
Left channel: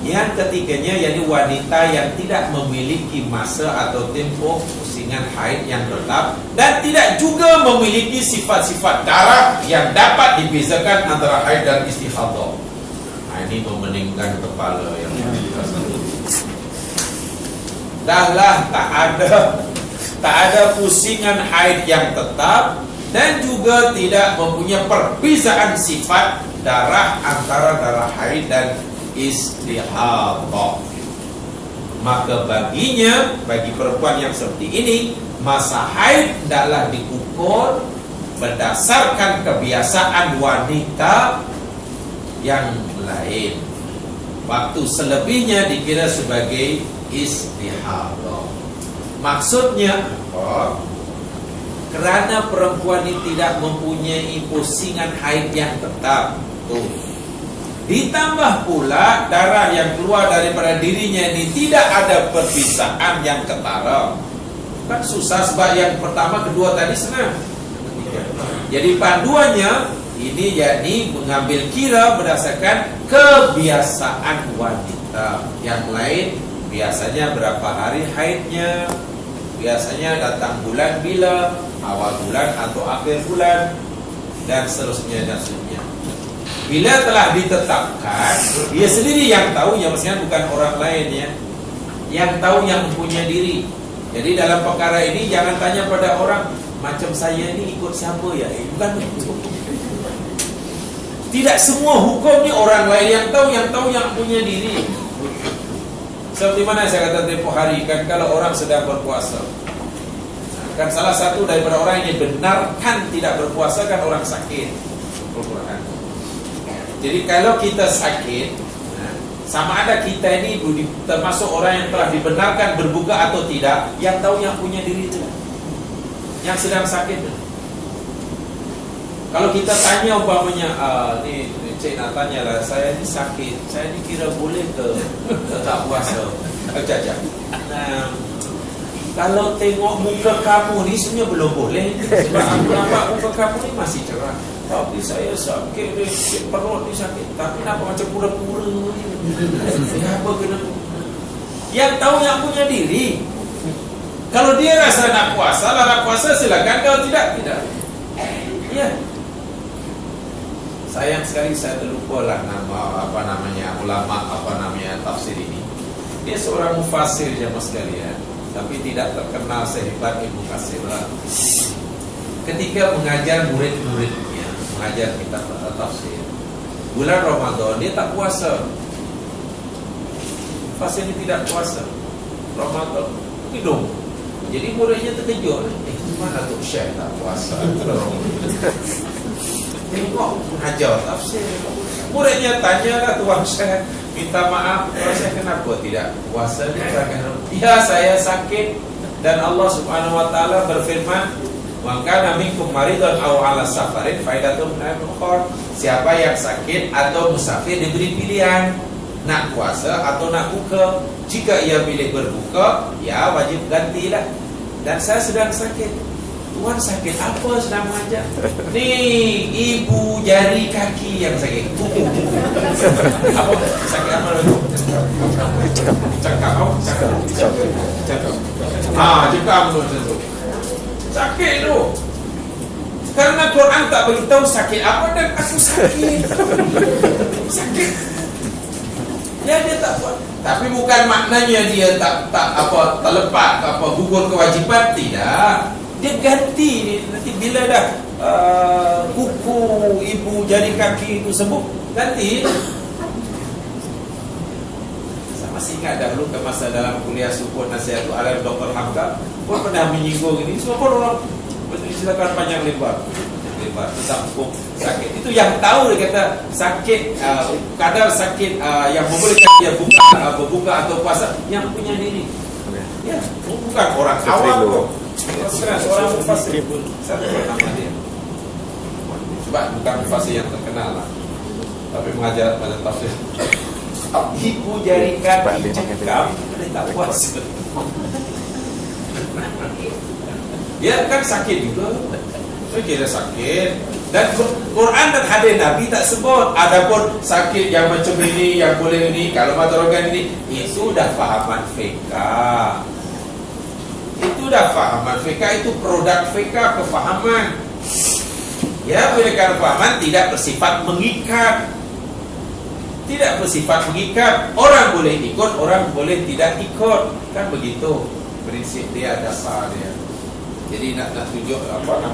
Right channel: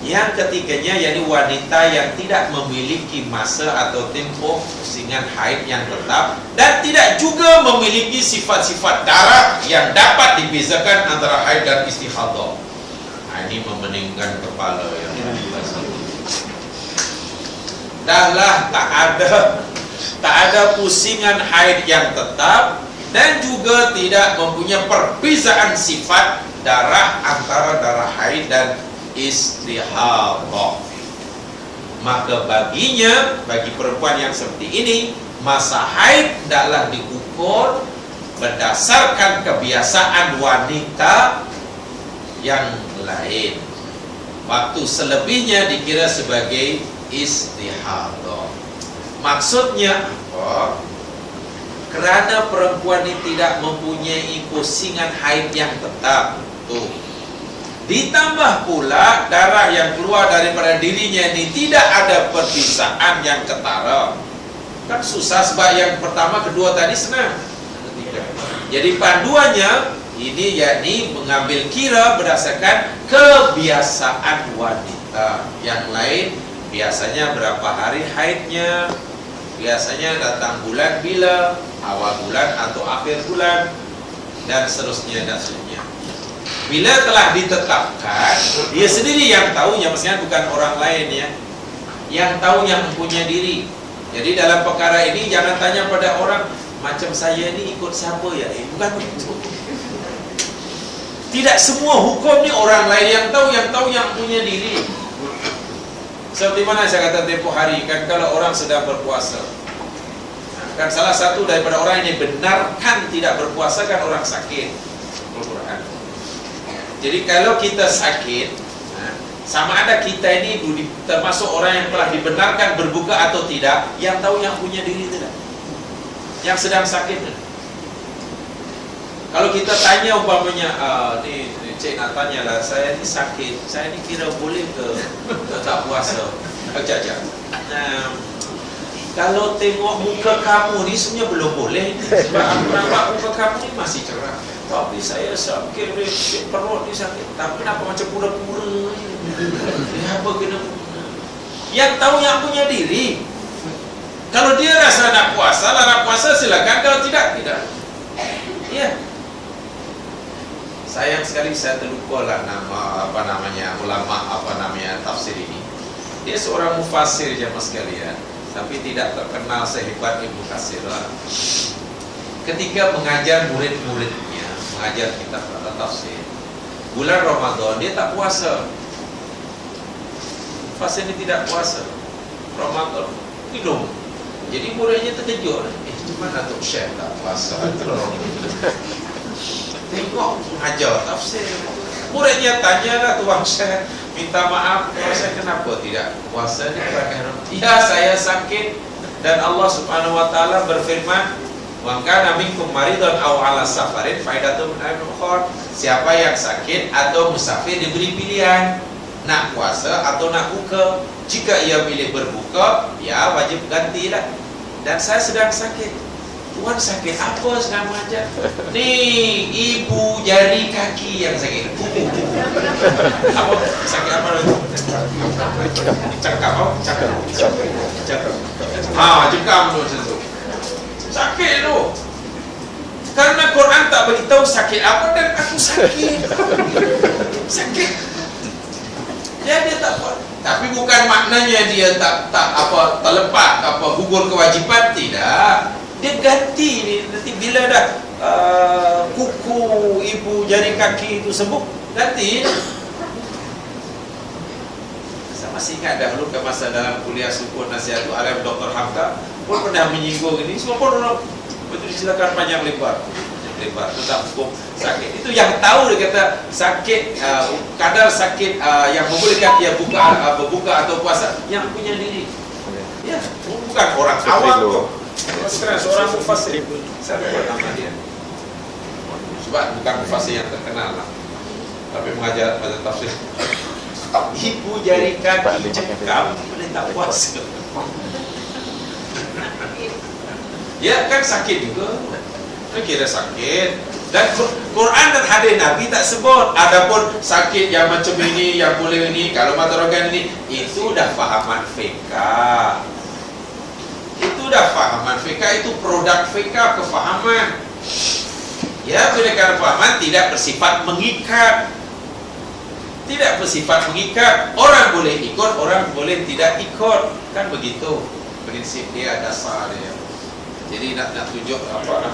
Yang ketiganya, yakni wanita yang tidak memiliki masa atau tempoh pusingan haid yang tetap dan tidak juga memiliki sifat-sifat darah yang dapat dibezakan antara haid dan istihadah. Nah, ini memeningkan kepala yang jelas. Dahlah tak ada pusingan haid yang tetap dan juga tidak mempunyai perbezaan sifat darah antara darah haid dan istihadah. Maka bagi perempuan yang seperti ini, masa haid hendaklah diukur berdasarkan kebiasaan wanita yang lain. Waktu selebihnya dikira sebagai istihadah. Maksudnya apa? Kerana perempuan ini tidak mempunyai pusingan haid yang tetap. Tuh. Ditambah pula darah yang keluar daripada dirinya ini tidak ada perpisaan yang ketara. Kan susah, sebab yang pertama, kedua tadi senang. Jadi panduannya ini yakni mengambil kira berdasarkan kebiasaan wanita. Yang lain biasanya berapa hari haidnya, biasanya datang bulan bila, awal bulan atau akhir bulan, dan seterusnya dan seterusnya. Bila telah ditetapkan, dia sendiri yang tahu, ya maksudnya bukan orang lain ya, yang tahu, yang punya diri. Jadi dalam perkara ini jangan tanya pada orang, macam saya ni ikut siapa ya? Bukan begitu. Tidak semua hukum ni orang lain yang tahu yang punya diri. Seperti mana saya kata tempoh hari kan, kalau orang sedang berpuasa, kan salah satu daripada orang yang benarkan tidak berpuasa kan orang sakit. Al-Quran. Jadi kalau kita sakit, sama ada kita ini termasuk orang yang telah dibenarkan berbuka atau tidak, yang tahu yang punya diri itu lah, yang sedang sakit. Kalau kita tanya umpamanya, ni cik nak tanya lah, saya ni sakit, saya ni kira boleh ke tak puasa? Jajak. Kalau tengok muka kamu ni sebenarnya belum boleh, sebab aku nampak muka kamu ni masih cerah. Tapi saya sakit ni, perut ni sakit. Tapi nampak macam pura-pura je. Kenapa kena? Yang tahu yang punya diri. Kalau dia rasa nak puasa, larang puasa silakan. Kalau tidak, tidak. Ya. Sayang sekali saya terlupa lah nama ulama tafsir ini. Dia seorang mufassir jemaah sekalian, tapi tidak terkenal sehebat Ibnu Katsir lah. Ketika mengajar murid-muridnya, mengajar kitab tafsir, bulan Ramadan dia tak puasa. Mufassir ini tidak puasa Ramadan, minum. Jadi muridnya terkejut. Cuma Datuk Syekh tak puasa. Tengok mengajar tafsir. Muridnya tanyalah, Tuan Syekh, minta maaf, Tuan Syekh kenapa tidak puasa ni? Ya, saya sakit dan Allah Subhanahu wa taala berfirman, "Wa kana minkum maridan aw 'ala safarin faidatun min ayyamin ukhra." Siapa yang sakit atau musafir diberi pilihan nak puasa atau nak buka. Jika ia pilih berbuka, ya wajib gantilah. Dan saya sedang sakit. Tuan sakit apa sedang mengajar? Ni ibu jari kaki yang sakit. Apa sakit apa itu? Cakap apa? Cakap. Cakap dulu tentu. Sakit tu. Karena Quran tak beritahu sakit apa dan aku sakit. Sakit. Dia tak buat. Tapi bukan maknanya dia tak terlepas gugur kewajipan, tidak. Dia ganti ni, nanti bila dah kuku ibu jari kaki itu sembuh, ganti. Saya masih ingat dahulu ke masa dalam kuliah Suku Nasihat itu, Alim Dr. Hamka pun pernah menyinggung ini. Semua pun orang betul diceritakan panjang lebar tentang hukum sakit. Itu yang tahu, dia kata sakit, kadar sakit yang membolehkan dia berbuka atau puasa yang punya diri. Ya, bukan orang awam kok. Seorang mufassir, saya lupa nama dia. Sebab bukan mufassir yang terkenal lah, tapi mengajar pada tafsir. Ibu jari kaki cekam boleh tak puasa. Ya kan sakit juga. Saya kira sakit. Dan Quran dan hadis Nabi tak sebut. Adapun sakit yang macam ini, yang boleh ini, kalau matarakan ini, itu dah fahaman fiqah. Itu dah fahaman fiqah, itu produk fiqah, kefahaman. Ya, bila kefahaman tidak bersifat mengikat. Tidak bersifat mengikat. Orang boleh ikut, orang boleh tidak ikut. Kan begitu prinsip dia, dasar dia. Jadi nak tunjuk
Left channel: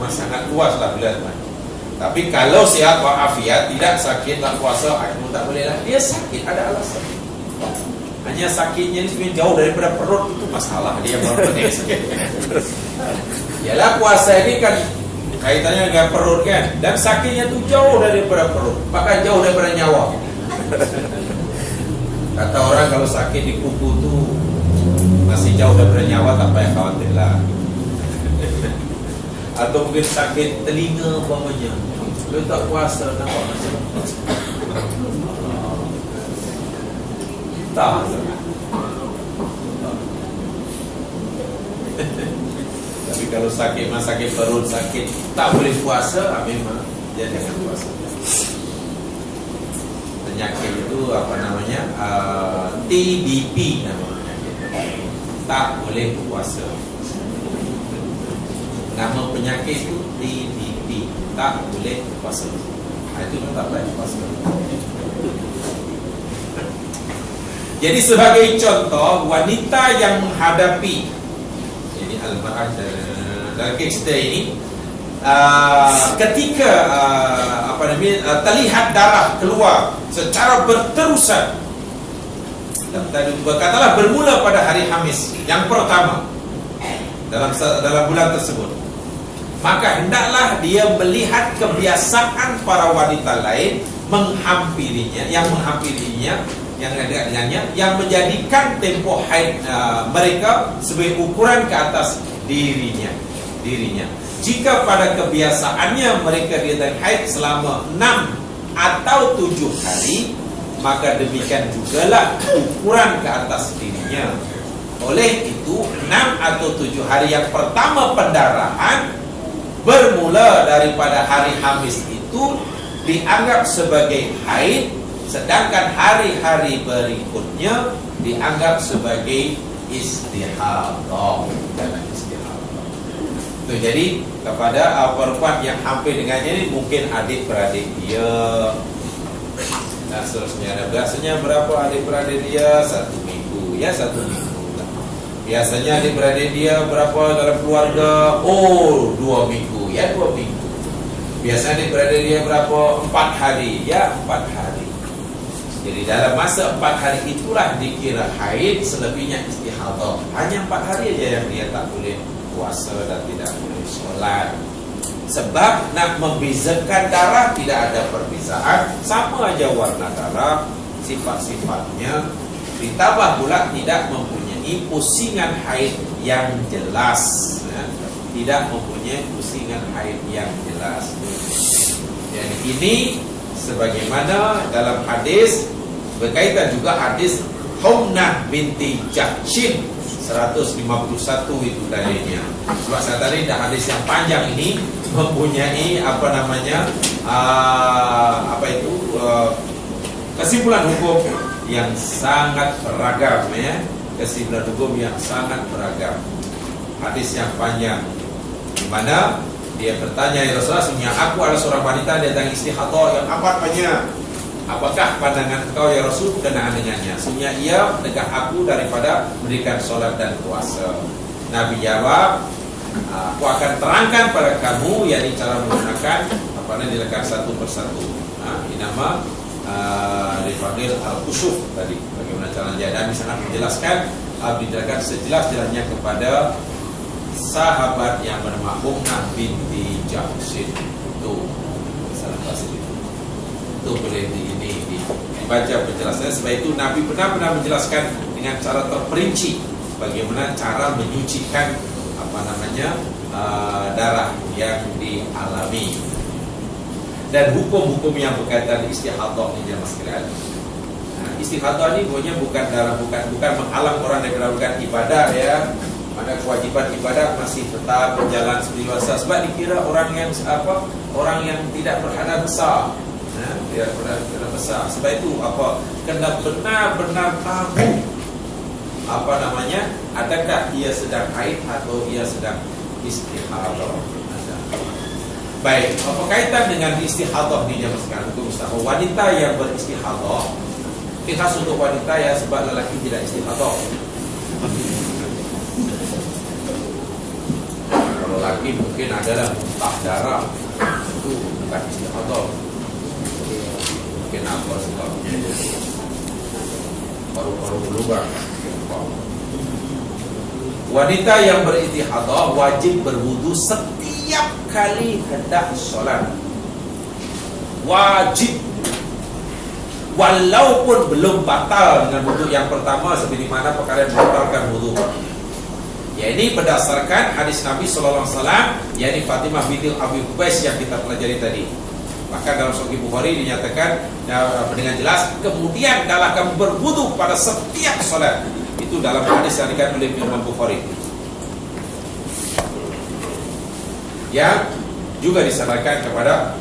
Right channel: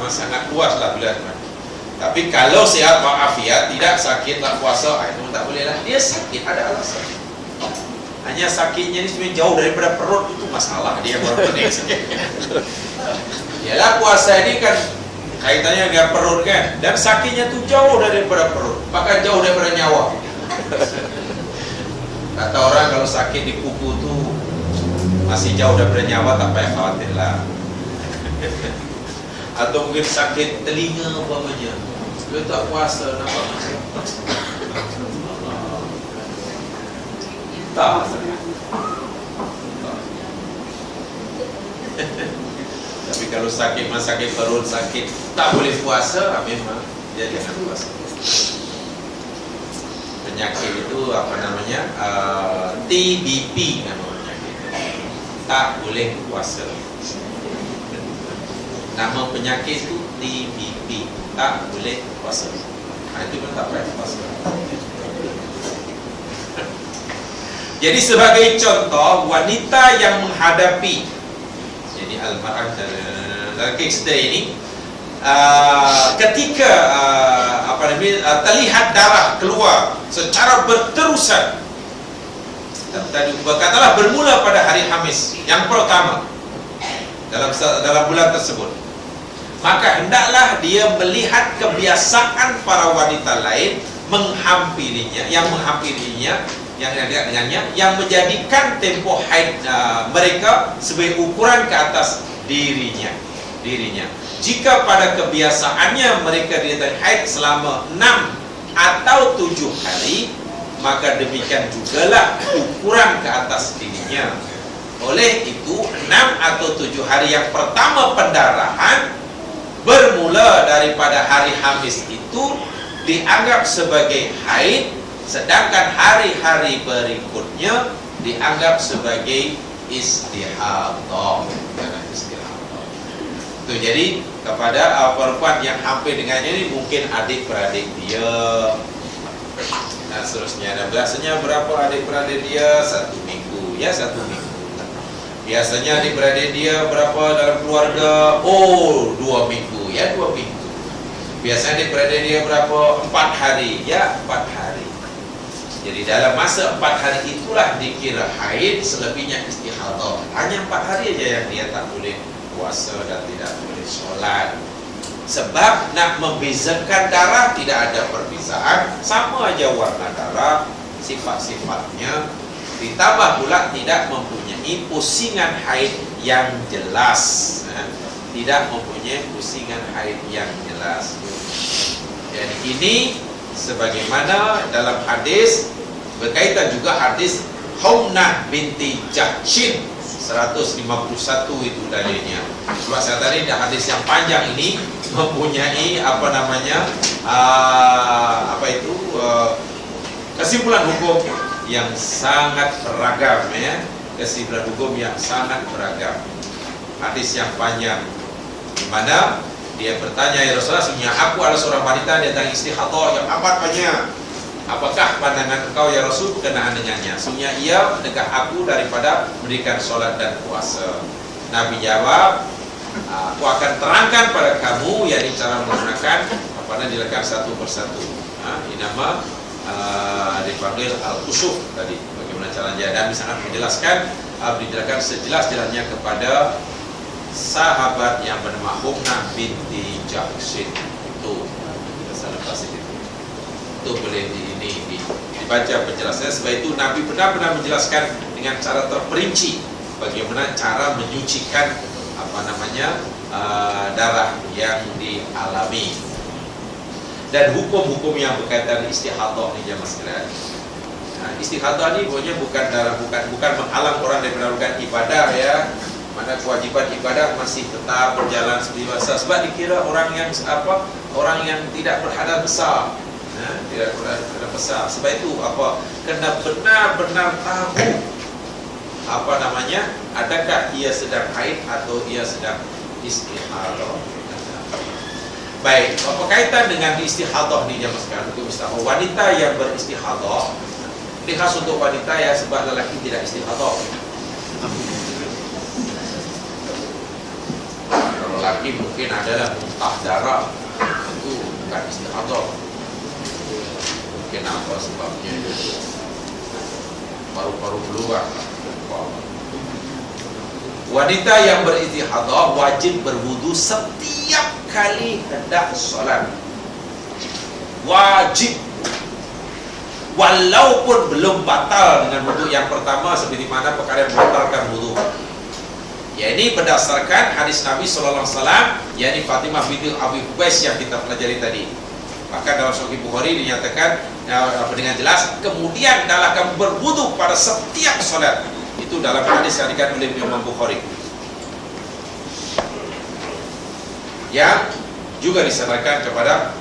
sangat luas lah bila. Tapi kalau sihat walafiat, tidak sakit, tak puasa, itu tak boleh lah. Dia sakit, ada alasan. Hanya sakitnya ni sebenarnya jauh daripada perut, itu masalah dia orang pening sikit. Yalah puasa ni kan kaitannya dengan perut kan, dan sakitnya tu jauh daripada perut, bahkan jauh daripada nyawa. Kata orang kalau sakit di kuku tu masih jauh daripada nyawa, tak payah khawatir lah. Atau mungkin sakit telinga umpamanya, dia tak puasa, nampak macam tak. Tapi kalau sakit, sakit perut, sakit tak boleh puasa, memang dia jangan puasa. Penyakit itu apa namanya, TBP nama penyakit, tak boleh puasa. Nama penyakit itu TBP, tak boleh puasa. Itu pun tak boleh puasa. Jadi sebagai contoh, wanita yang menghadapi, jadi al-mar'ah dalam kes ini, ketika terlihat darah keluar secara berterusan, tadi berkatalah bermula pada hari Khamis yang pertama dalam bulan tersebut, maka hendaklah dia melihat kebiasaan para wanita lain menghampirinya, yang dekat dengannya, yang menjadikan tempoh haid mereka sebagai ukuran ke atas dirinya. Jika pada kebiasaannya mereka diadakan haid selama 6 atau 7 hari, maka demikian jugalah ukuran ke atas dirinya. Oleh itu 6 atau 7 hari yang pertama pendarahan bermula daripada hari Khamis itu dianggap sebagai haid, sedangkan hari-hari berikutnya dianggap sebagai istihadah. Itu jadi kepada perempuan yang hampir dengannya ini, mungkin adik-beradik dia dan seterusnya. Dan biasanya berapa adik-beradik dia? 1 minggu, ya 1 minggu. Biasanya adik-beradik dia berapa dalam keluarga? 2 minggu, ya 2 minggu. Biasanya adik-beradik dia berapa? 4 hari, ya 4 hari. Jadi dalam masa 4 hari itulah dikira haid, selebihnya istihadah. Hanya 4 hari aja yang dia tak boleh puasa dan tidak boleh solat. Sebab nak membezakan darah tidak ada perbezaan, sama aja warna darah, sifat-sifatnya. Ditambah pula tidak mempunyai pusingan haid yang jelas, tidak mempunyai pusingan haid yang jelas. Jadi ini sebagaimana dalam hadis, berkaitan juga hadis Humnah binti Jahshin 151 itu dalilnya. Sebab saya tadi dah hadis yang panjang ini mempunyai kesimpulan hukum yang sangat beragam, ya. Kesimpulan hukum yang sangat beragam. Hadis yang panjang di mana dia bertanya, ya Rasulullah, sesungguhnya aku adalah seorang wanita yang datang istihadah yang amat banyak. Apakah pandangan engkau ya Rasul berkenaan dengannya? Sesungguhnya ia mencegah aku daripada mendirikan solat dan puasa. Nabi jawab, aku akan terangkan pada kamu, yakni cara menggunakan dilakukan satu persatu. Ini nama dipanggil al-khusuf tadi. Bagaimana caranya? Nabi sangat menjelaskan, dijelaskan sejelas-jelasnya kepada sahabat yang bernama Humnah binti Jahshin. Itu salah pasal itu boleh dibaca penjelasannya. Sebab itu Nabi benar-benar menjelaskan dengan cara terperinci bagaimana cara menyucikan darah yang dialami, dan hukum-hukum yang berkaitan istihadah ini jemaah sekalian. Istihadah ini pokoknya bukan menghalang orang daripada melakukan ibadah, ya. Mana kewajiban ibadah masih tetap berjalan seperti biasa, sebab dikira orang yang tidak berhadas besar, tidak berhadas besar. Sebab itu kena benar-benar tahu adakah ia sedang haid atau ia sedang istihadah. Baik, berkaitan dengan istihadah ni jemaah sekalian, hukum istihadah. Wanita yang beristihadah ini khas untuk wanita, ya, sebab lelaki tidak istihadah. Kalau laki mungkin adalah muntah darah, itu bukan istihadah. Mungkin apa sebabnya? Paru-paru keluar. Wanita yang beristihadah wajib berwudu setiap kali hendak solat wajib, walaupun belum batal dengan wudhu yang pertama, seperti mana perkara yang membatalkan wudhu. Ya, ini berdasarkan hadis Nabi SAW, yakni Fatimah binti Abi Hubais yang kita pelajari tadi. Maka dalam Sahih Bukhari dinyatakan dengan jelas, kemudian adalah kamu berwudhu pada setiap solat. Itu dalam hadis yang dikatakan oleh Imam Bukhari, yang juga disandarkan kepada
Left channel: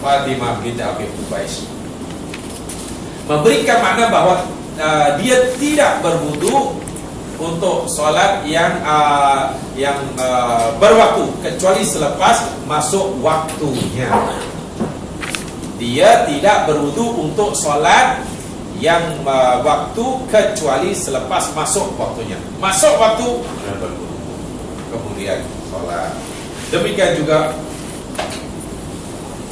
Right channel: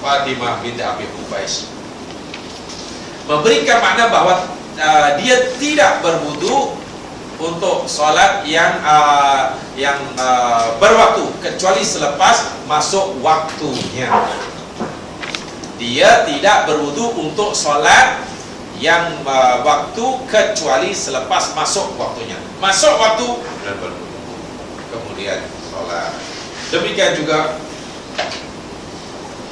Fatimah binti Abi Hubais, memberikan makna bahawa dia tidak berwudu untuk solat yang berwaktu kecuali selepas masuk waktunya. Dia tidak berwudu untuk solat yang waktu kecuali selepas masuk waktunya. Masuk waktu dan berwudu, kemudian solat. Demikian juga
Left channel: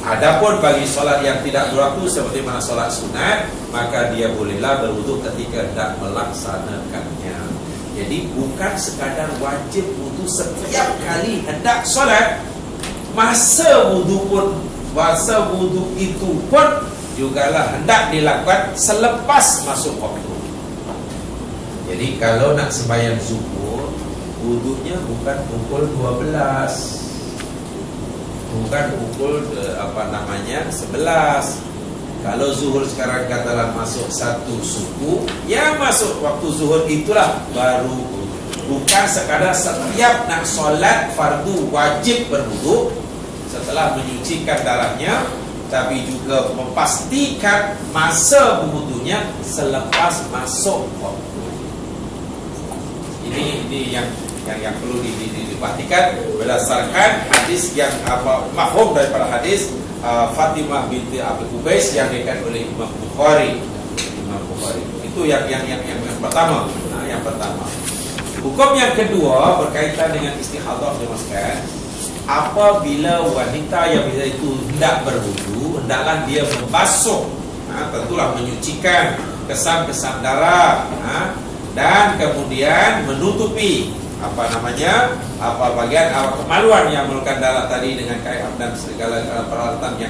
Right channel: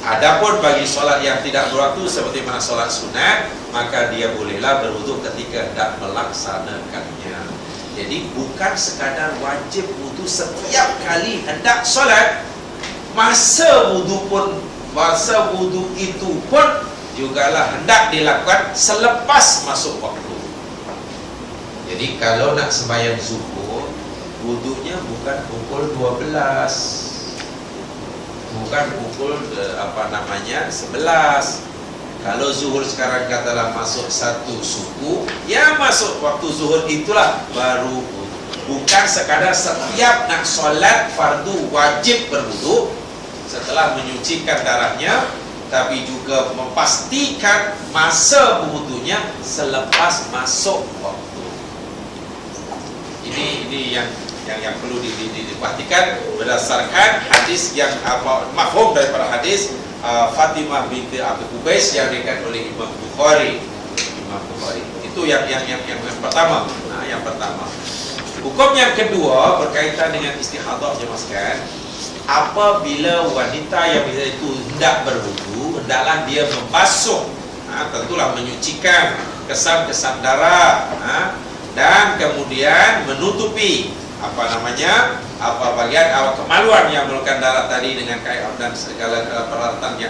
adapun bagi solat yang tidak berwaktu seperti mana solat sunat, maka dia bolehlah berwudu ketika hendak melaksanakannya. Jadi bukan sekadar wajib wudu setiap kali hendak solat, masa wudu itu pun jugalah hendak dilakukan selepas masuk waktu. Jadi kalau nak sembahyang zuhur, wudunya bukan pukul 12, bukan pukul 11. Kalau zuhur sekarang katalah masuk satu suku, ya masuk waktu zuhur itulah baru. Bukan sekadar setiap nak solat fardu wajib berwudu setelah menyucikan darahnya, tapi juga memastikan masa berwudunya selepas masuk waktu. Ini yang perlu diperhatikan berdasarkan hadis yang mafhum daripada hadis Fatimah binti Abi Hubais yang dikatakan oleh Imam Bukhari. Itu yang pertama. Yang pertama. Hukum yang kedua berkaitan dengan istihadah, jemaah sekalian. Apabila wanita yang bisa itu hendak berwudu, hendaklah dia membasuh, tentulah menyucikan kesan-kesan darah, dan kemudian menutupi bagian kemaluan yang memerlukan darah tadi dengan kain dan segala peralatan yang